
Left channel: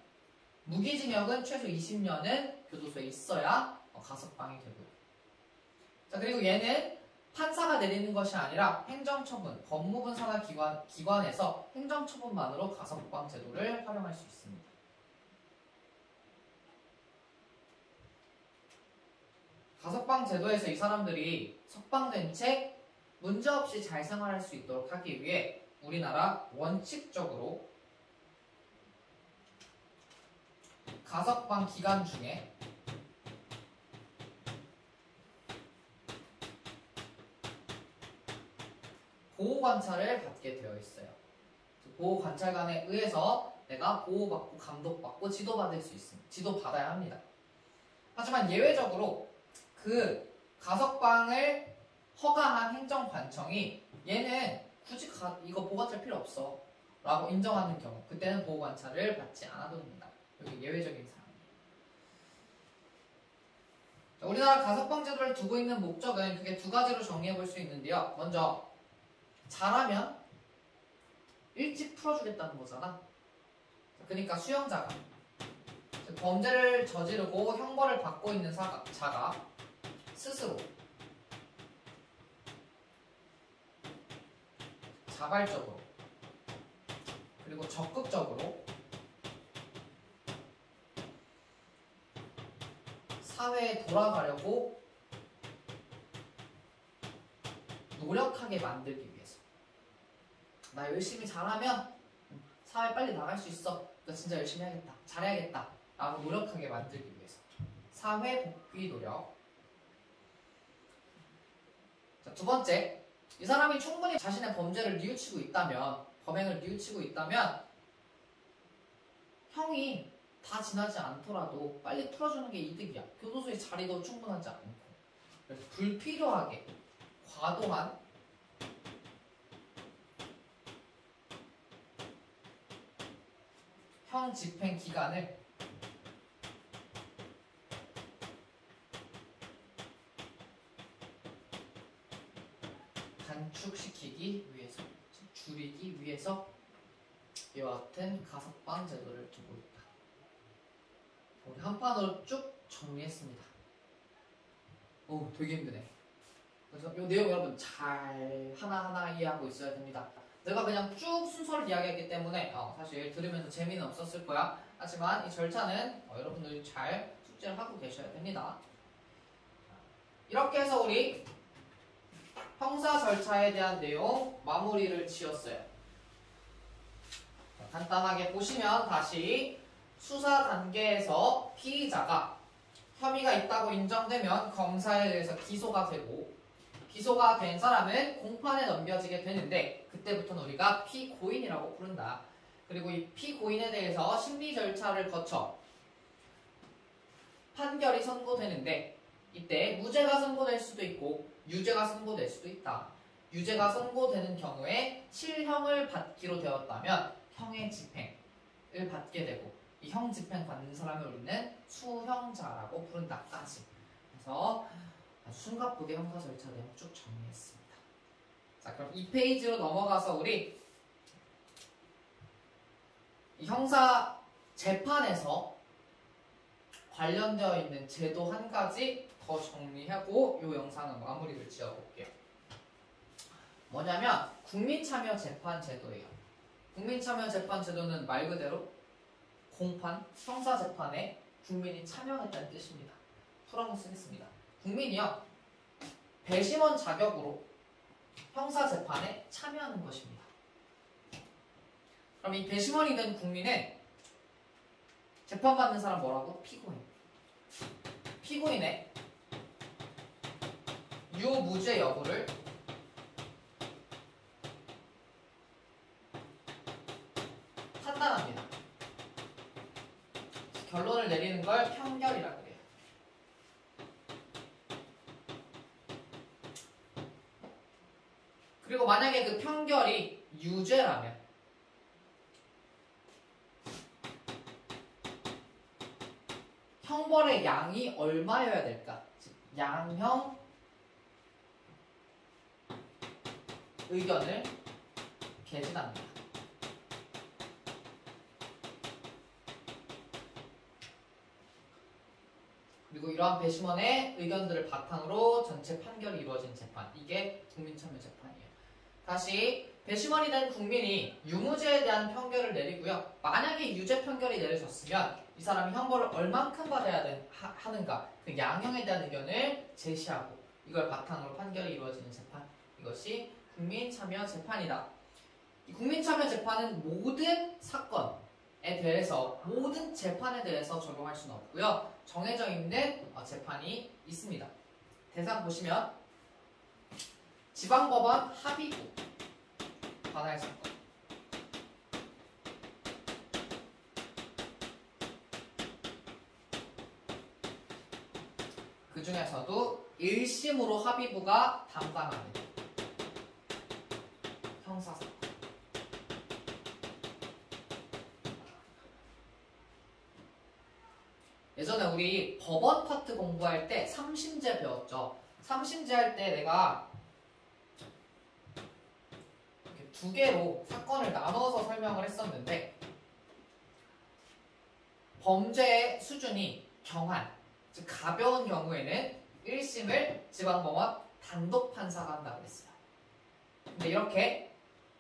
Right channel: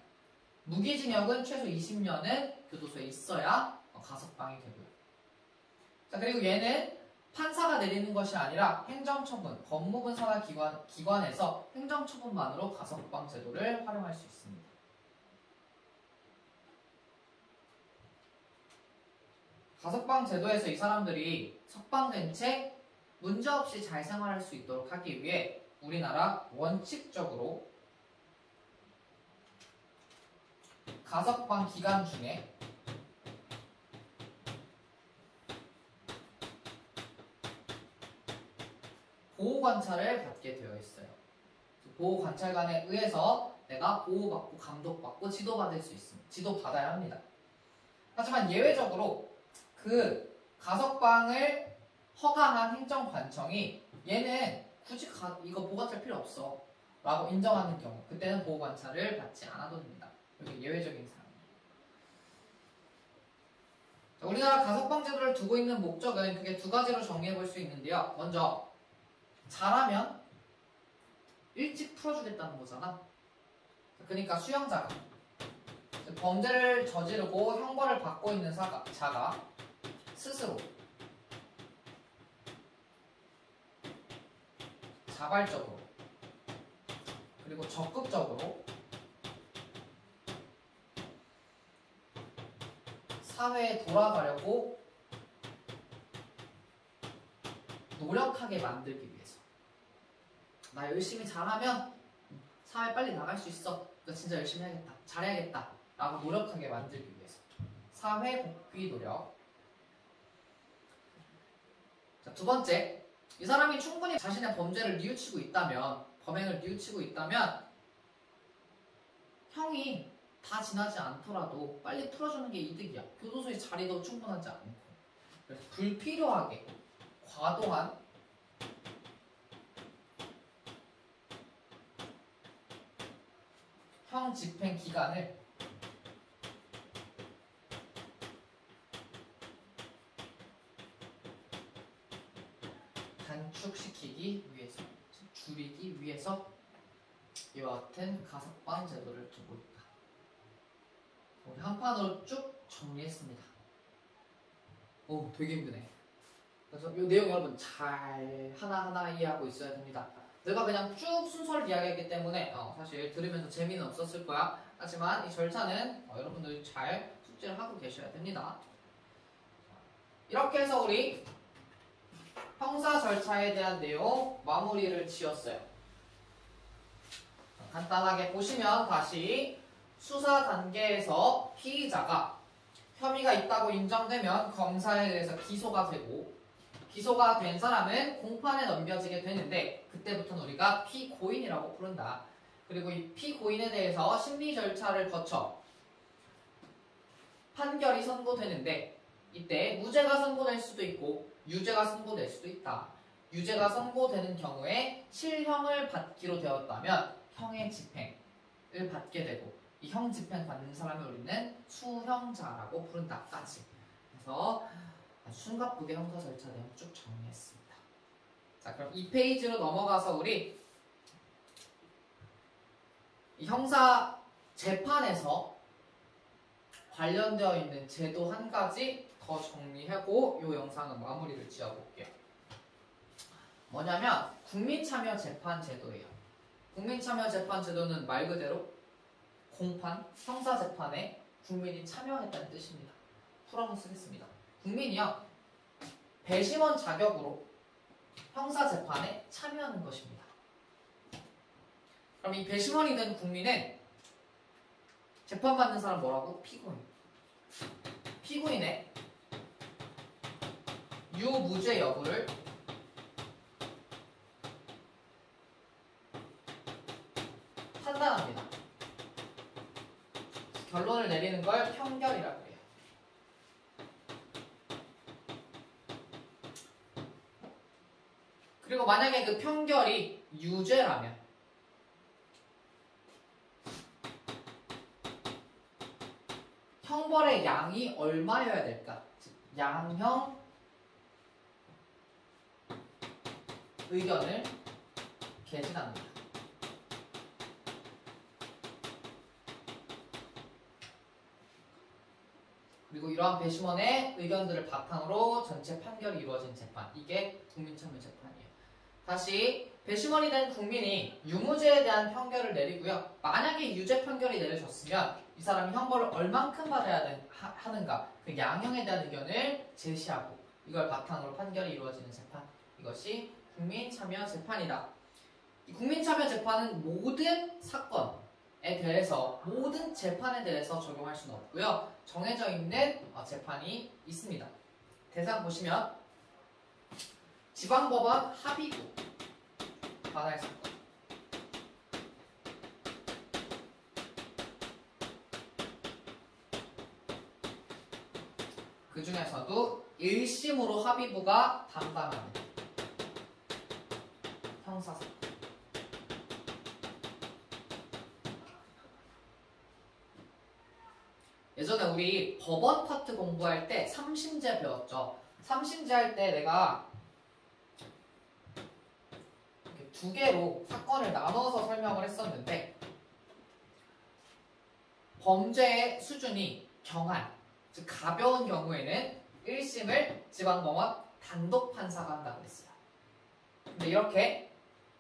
무기징역은 최소 20년은 교도소에 있어야 가석방이 되고요. 자, 그리고 얘는 판사가 내리는 것이 아니라 행정처분, 법무부 산하 기관에서 행정처분만으로 가석방 제도를 활용할 수 있습니다. 가석방 제도에서 이 사람들이 석방된 채 문제없이 잘 생활할 수 있도록 하기 위해 우리나라 원칙적으로 가석방 기간 중에 보호관찰을 받게 되어 있어요. 보호관찰관에 의해서 내가 보호받고 감독받고 지도받을 수 있습니다. 지도받아야 합니다. 하지만 예외적으로 그 가석방을 허가한 행정관청이 얘는 굳이 이거 보호관찰 필요 없어 라고 인정하는 경우, 그때는 보호관찰을 받지 않아도 됩니다. 여기 예외적인 사항입니다. 우리나라 가석방 제도를 두고 있는 목적은 크게 두 가지로 정리해 볼 수 있는데요. 먼저 잘하면 일찍 풀어주겠다는 거잖아. 그러니까 수용자가 범죄를 저지르고 형벌을 받고 있는 자가 스스로 자발적으로 그리고 적극적으로 사회에 돌아가려고 노력하게 만들기 위해서, 나 열심히 잘하면 사회 빨리 나갈 수 있어, 나 진짜 열심히 해야겠다, 잘해야겠다 라고 노력하게 만들기 위해서 사회 복귀 노력. 자, 두 번째, 이 사람이 충분히 자신의 범죄를 뉘우치고 있다면, 범행을 뉘우치고 있다면 형이 다 지나지 않더라도 빨리 풀어주는 게 이득이야. 교도소의 자리도 충분하지 않고. 그래서 불필요하게 과도한 형 집행 기간을 단축시키기 위해서, 줄이기 위해서 이와 같은 가석방 제도를 두고 있다. 우리 한 판으로 쭉 정리했습니다. 오, 되게 힘드네. 그래서 이 내용 여러분 잘 하나하나 이해하고 있어야 됩니다. 내가 그냥 쭉 순서를 이야기했기 때문에 사실 들으면서 재미는 없었을 거야. 하지만 이 절차는 여러분들이 잘 숙지를 하고 계셔야 됩니다. 이렇게 해서 우리 형사 절차에 대한 내용 마무리를 지었어요. 간단하게 보시면 다시 수사 단계에서 피의자가 혐의가 있다고 인정되면 검사에 대해서 기소가 되고, 기소가 된 사람은 공판에 넘겨지게 되는데 그때부터는 우리가 피고인이라고 부른다. 그리고 이 피고인에 대해서 심리 절차를 거쳐 판결이 선고되는데 이때 무죄가 선고될 수도 있고 유죄가 선고될 수도 있다. 유죄가 선고되는 경우에 실형을 받기로 되었다면 형의 집행을 받게 되고, 이 형 집행 받는 사람을 우리는 수형자라고 부른다까지. 그래서 숨가쁘게 형사 절차 내용 쭉 정리했습니다. 자, 그럼 이 페이지로 넘어가서 우리 이 형사 재판에서 관련되어 있는 제도 한 가지 더 정리하고 이 영상은 마무리를 지어볼게요. 뭐냐면 국민참여재판제도예요. 국민참여재판제도는 말 그대로 공판, 형사재판에 국민이 참여했다는 뜻입니다. 풀어서 쓰겠습니다. 국민이요, 배심원 자격으로 형사재판에 참여하는 것입니다. 그럼 이 배심원이 된 국민은 재판받는 사람 뭐라고? 피고인. 피고인의 유무죄 여부를 판단합니다. 결론을 내리는 걸 평결이라고 해요. 그리고 만약에 그 평결이 유죄라면 형벌의 양이 얼마여야 될까? 즉 양형 의견을 개진합니다. 그리고 이러한 배심원의 의견들을 바탕으로 전체 판결이 이루어진 재판, 이게 국민참여재판이에요. 다시 배심원이 된 국민이 유무죄에 대한 판결을 내리고요. 만약에 유죄 판결이 내려졌으면 이 사람이 형벌을 얼만큼 받아야 하는가, 그 양형에 대한 의견을 제시하고 이걸 바탕으로 판결이 이루어지는 재판, 이것이 국민참여재판이다. 이 국민참여재판은 모든 사건에 대해서, 모든 재판에 대해서 적용할 수는 없고요. 정해져 있는 재판이 있습니다. 대상 보시면 지방법원 합의구, 관할 사건. 그 중에서도 1심으로 합의부가 담당하는 형사사건. 예전에 우리 법원 파트 공부할 때 3심제 배웠죠. 3심제 할 때 내가 이렇게 두 개로 사건을 나눠서 설명을 했었는데, 범죄의 수준이 경한, 즉 가벼운 경우에는 1심을 지방법원 단독 판사가 한다고 했어요. 근데 이렇게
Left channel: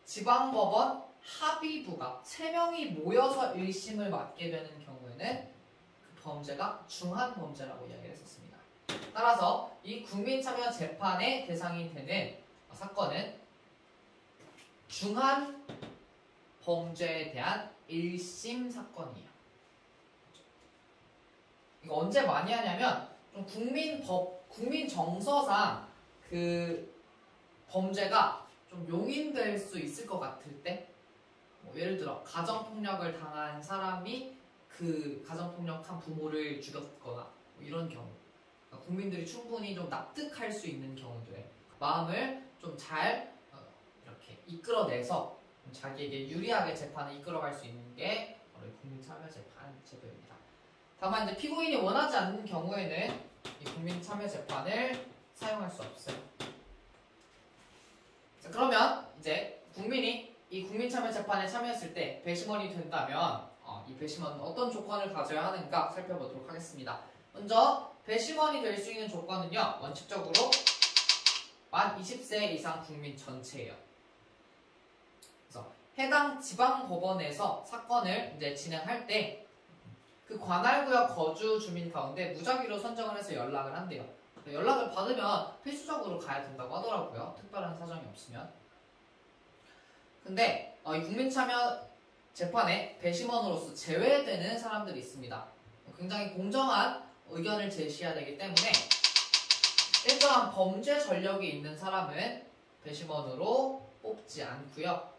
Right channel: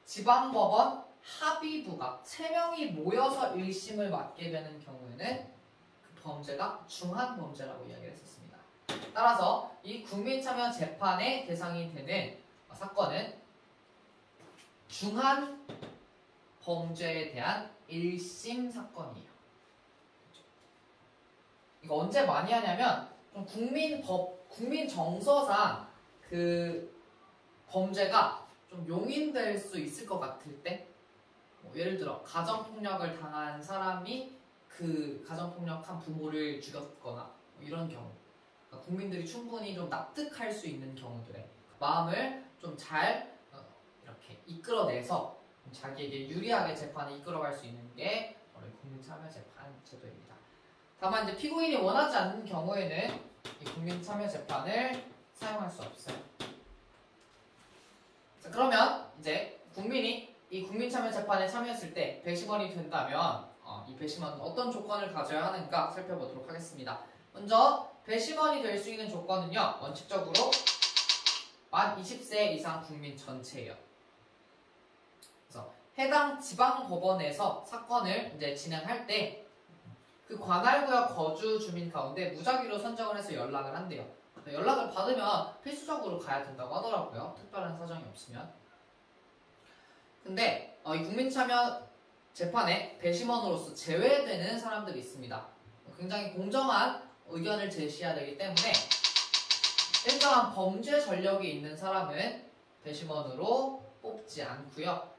지방법원 합의부가 3명이 모여서 1심을 맡게 되는 경우에는 그 범죄가 중한 범죄라고 이야기를 했었습니다. 따라서 이 국민참여재판의 대상이 되는 사건은 중한 범죄에 대한 1심 사건이에요. 이거 언제 많이 하냐면 좀 국민 정서상 그 범죄가 좀 용인될 수 있을 것 같을 때, 뭐 예를 들어 가정폭력을 당한 사람이 그 가정폭력한 부모를 죽였거나 뭐 이런 경우, 그러니까 국민들이 충분히 좀 납득할 수 있는 경우들에 마음을 좀 잘 이렇게 이끌어내서 자기에게 유리하게 재판을 이끌어갈 수 있는 게 바로 국민참여재판 제도입니다. 다만 이제 피고인이 원하지 않는 경우에는 이 국민참여재판을 사용할 수 없어요. 자, 그러면 이제 국민이 이 국민참여재판에 참여했을 때 배심원이 된다면 이 배심원은 어떤 조건을 가져야 하는가 살펴보도록 하겠습니다. 먼저 배심원이 될 수 있는 조건은요, 원칙적으로 만 20세 이상 국민 전체예요. 그래서 해당 지방법원에서 사건을 이제 진행할 때 그 관할구역 거주 주민 가운데 무작위로 선정을 해서 연락을 한대요. 연락을 받으면 필수적으로 가야 된다고 하더라고요. 특별한 사정이 없으면. 근데 이 국민참여 재판에 배심원으로서 제외되는 사람들이 있습니다. 굉장히 공정한 의견을 제시해야 되기 때문에 일정한 범죄 전력이 있는 사람은 배심원으로 뽑지 않고요.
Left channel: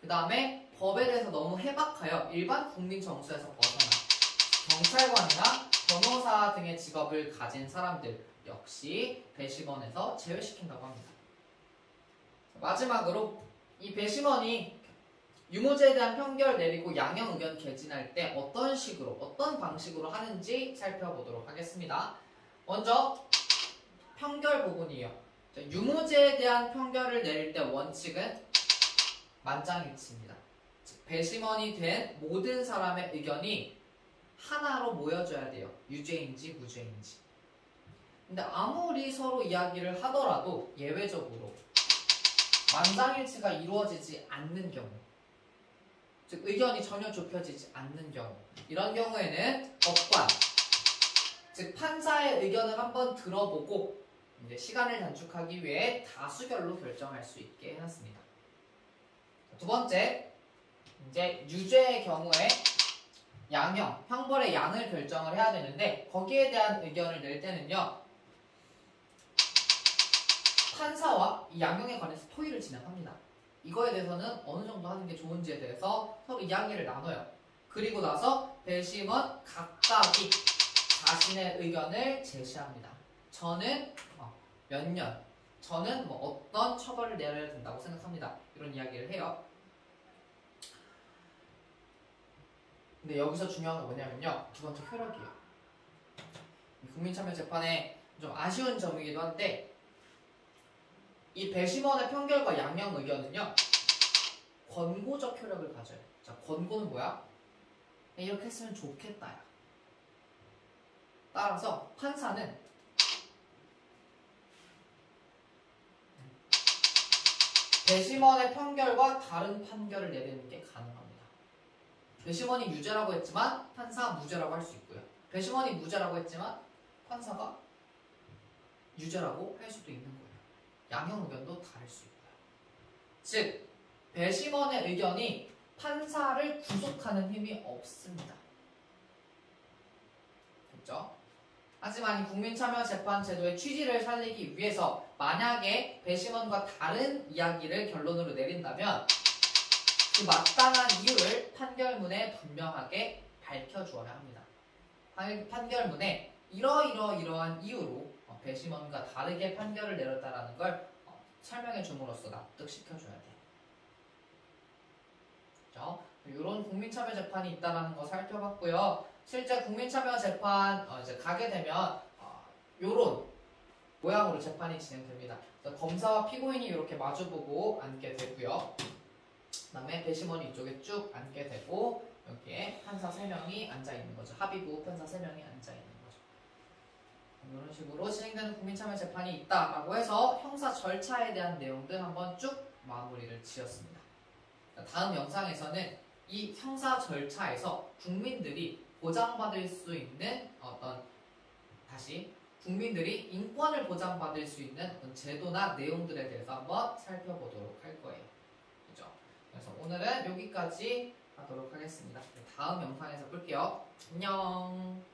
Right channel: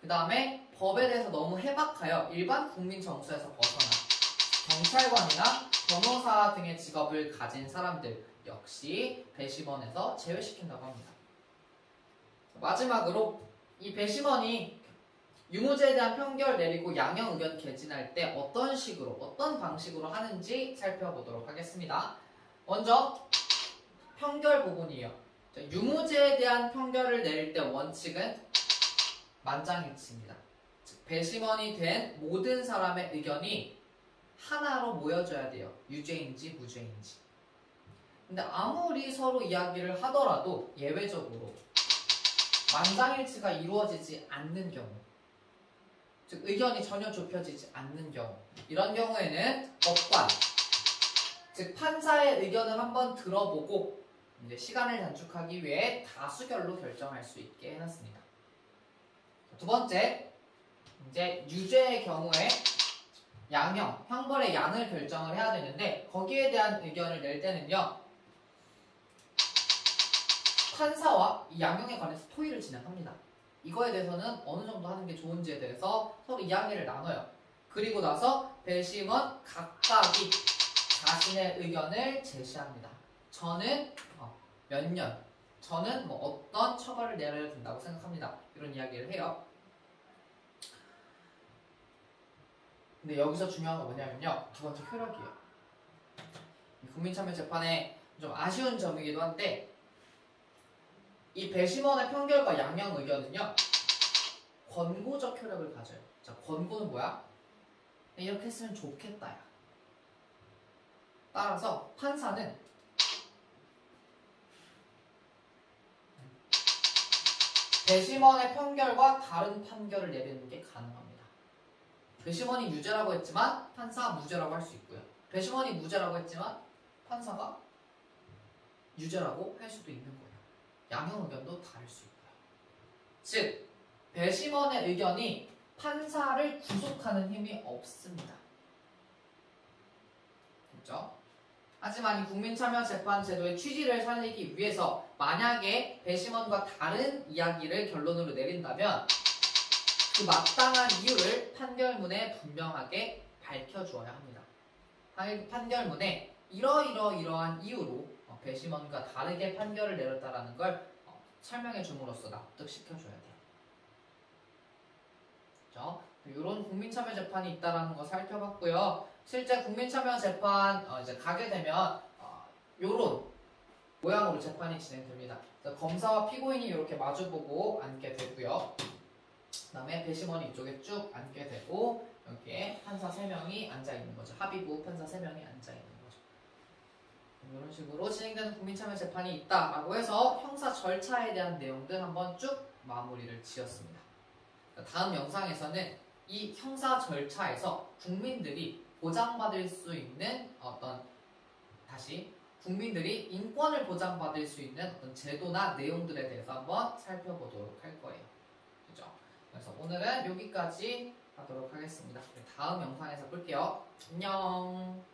그 다음에 법에 대해서 너무 해박하여 일반 국민 정서에서 벗어나 경찰관이나 변호사 등의 직업을 가진 사람들 역시 배심원에서 제외시킨다고 합니다. 마지막으로 이 배심원이 유무죄에 대한 판결 내리고 양형 의견 개진할 때 어떤 식으로, 어떤 방식으로 하는지 살펴보도록 하겠습니다. 먼저 판결 부분이에요. 유무죄에 대한 판결을 내릴 때 원칙은 만장일치입니다. 즉 배심원이 된 모든 사람의 의견이 하나로 모여져야 돼요. 유죄인지 무죄인지. 근데 아무리 서로 이야기를 하더라도 예외적으로 만장일치가 이루어지지 않는 경우, 즉 의견이 전혀 좁혀지지 않는 경우, 이런 경우에는 법관, 즉 판사의 의견을 한번 들어보고 이제 시간을 단축하기 위해 다수결로 결정할 수 있게 해놨습니다. 두 번째, 이제 유죄의 경우에 양형, 형벌의 양을 결정을 해야 되는데 거기에 대한 의견을 낼 때는요, 판사와 이 양형에 관해서 토의를 진행합니다. 이거에 대해서는 어느 정도 하는 게 좋은지에 대해서 서로 이야기를 나눠요. 그리고 나서 배심원 각각이 자신의 의견을 제시합니다. 저는 몇 년, 저는 뭐 어떤 처벌을 내려야 된다고 생각합니다. 이런 이야기를 해요. 근데 여기서 중요한 건 뭐냐면요, 두 번째 효력이에요. 국민참여재판에 좀 아쉬운 점이기도 한데 이 배심원의 판결과 양형 의견은요, 권고적 효력을 가져요. 자, 권고는 뭐야? 이렇게 했으면 좋겠다야. 따라서 판사는 배심원의 판결과 다른 판결을 내리는 게 가능합니다. 배심원이 유죄라고 했지만 판사가 무죄라고 할 수 있고요. 배심원이 무죄라고 했지만 판사가 유죄라고 할 수도 있는 거예요. 양형 의견도 다를 수 있고요. 즉, 배심원의 의견이 판사를 구속하는 힘이 없습니다. 그렇죠? 하지만 이 국민참여재판제도의 취지를 살리기 위해서 만약에 배심원과 다른 이야기를 결론으로 내린다면 그 마땅한 이유를 판결문에 분명하게 밝혀주어야 합니다. 판결문에 이러이러이러한 이유로 배심원과 다르게 판결을 내렸다라는 걸 설명해 줌으로써 납득시켜줘야 돼요. 그렇죠? 이런 국민참여 재판이 있다라는 거 살펴봤고요. 실제 국민참여 재판 이제 가게 되면 이런 모양으로 재판이 진행됩니다. 검사와 피고인이 이렇게 마주보고 앉게 되고요. 그 다음에 배심원이 이쪽에 쭉 앉게 되고 여기에 판사 3명이 앉아있는 거죠. 합의부 판사 3명이 앉아있는 거죠. 이런 식으로 진행되는 국민참여 재판이 있다라고 해서 형사 절차에 대한 내용들 한번 쭉 마무리를 지었습니다. 다음 영상에서는 이 형사 절차에서 국민들이 보장받을 수 있는 국민들이 인권을 보장받을 수 있는 어떤 제도나 내용들에 대해서 한번 살펴보도록 할 거예요. 그죠? 그래서 오늘은 여기까지 하도록 하겠습니다. 다음 영상에서 볼게요. 안녕.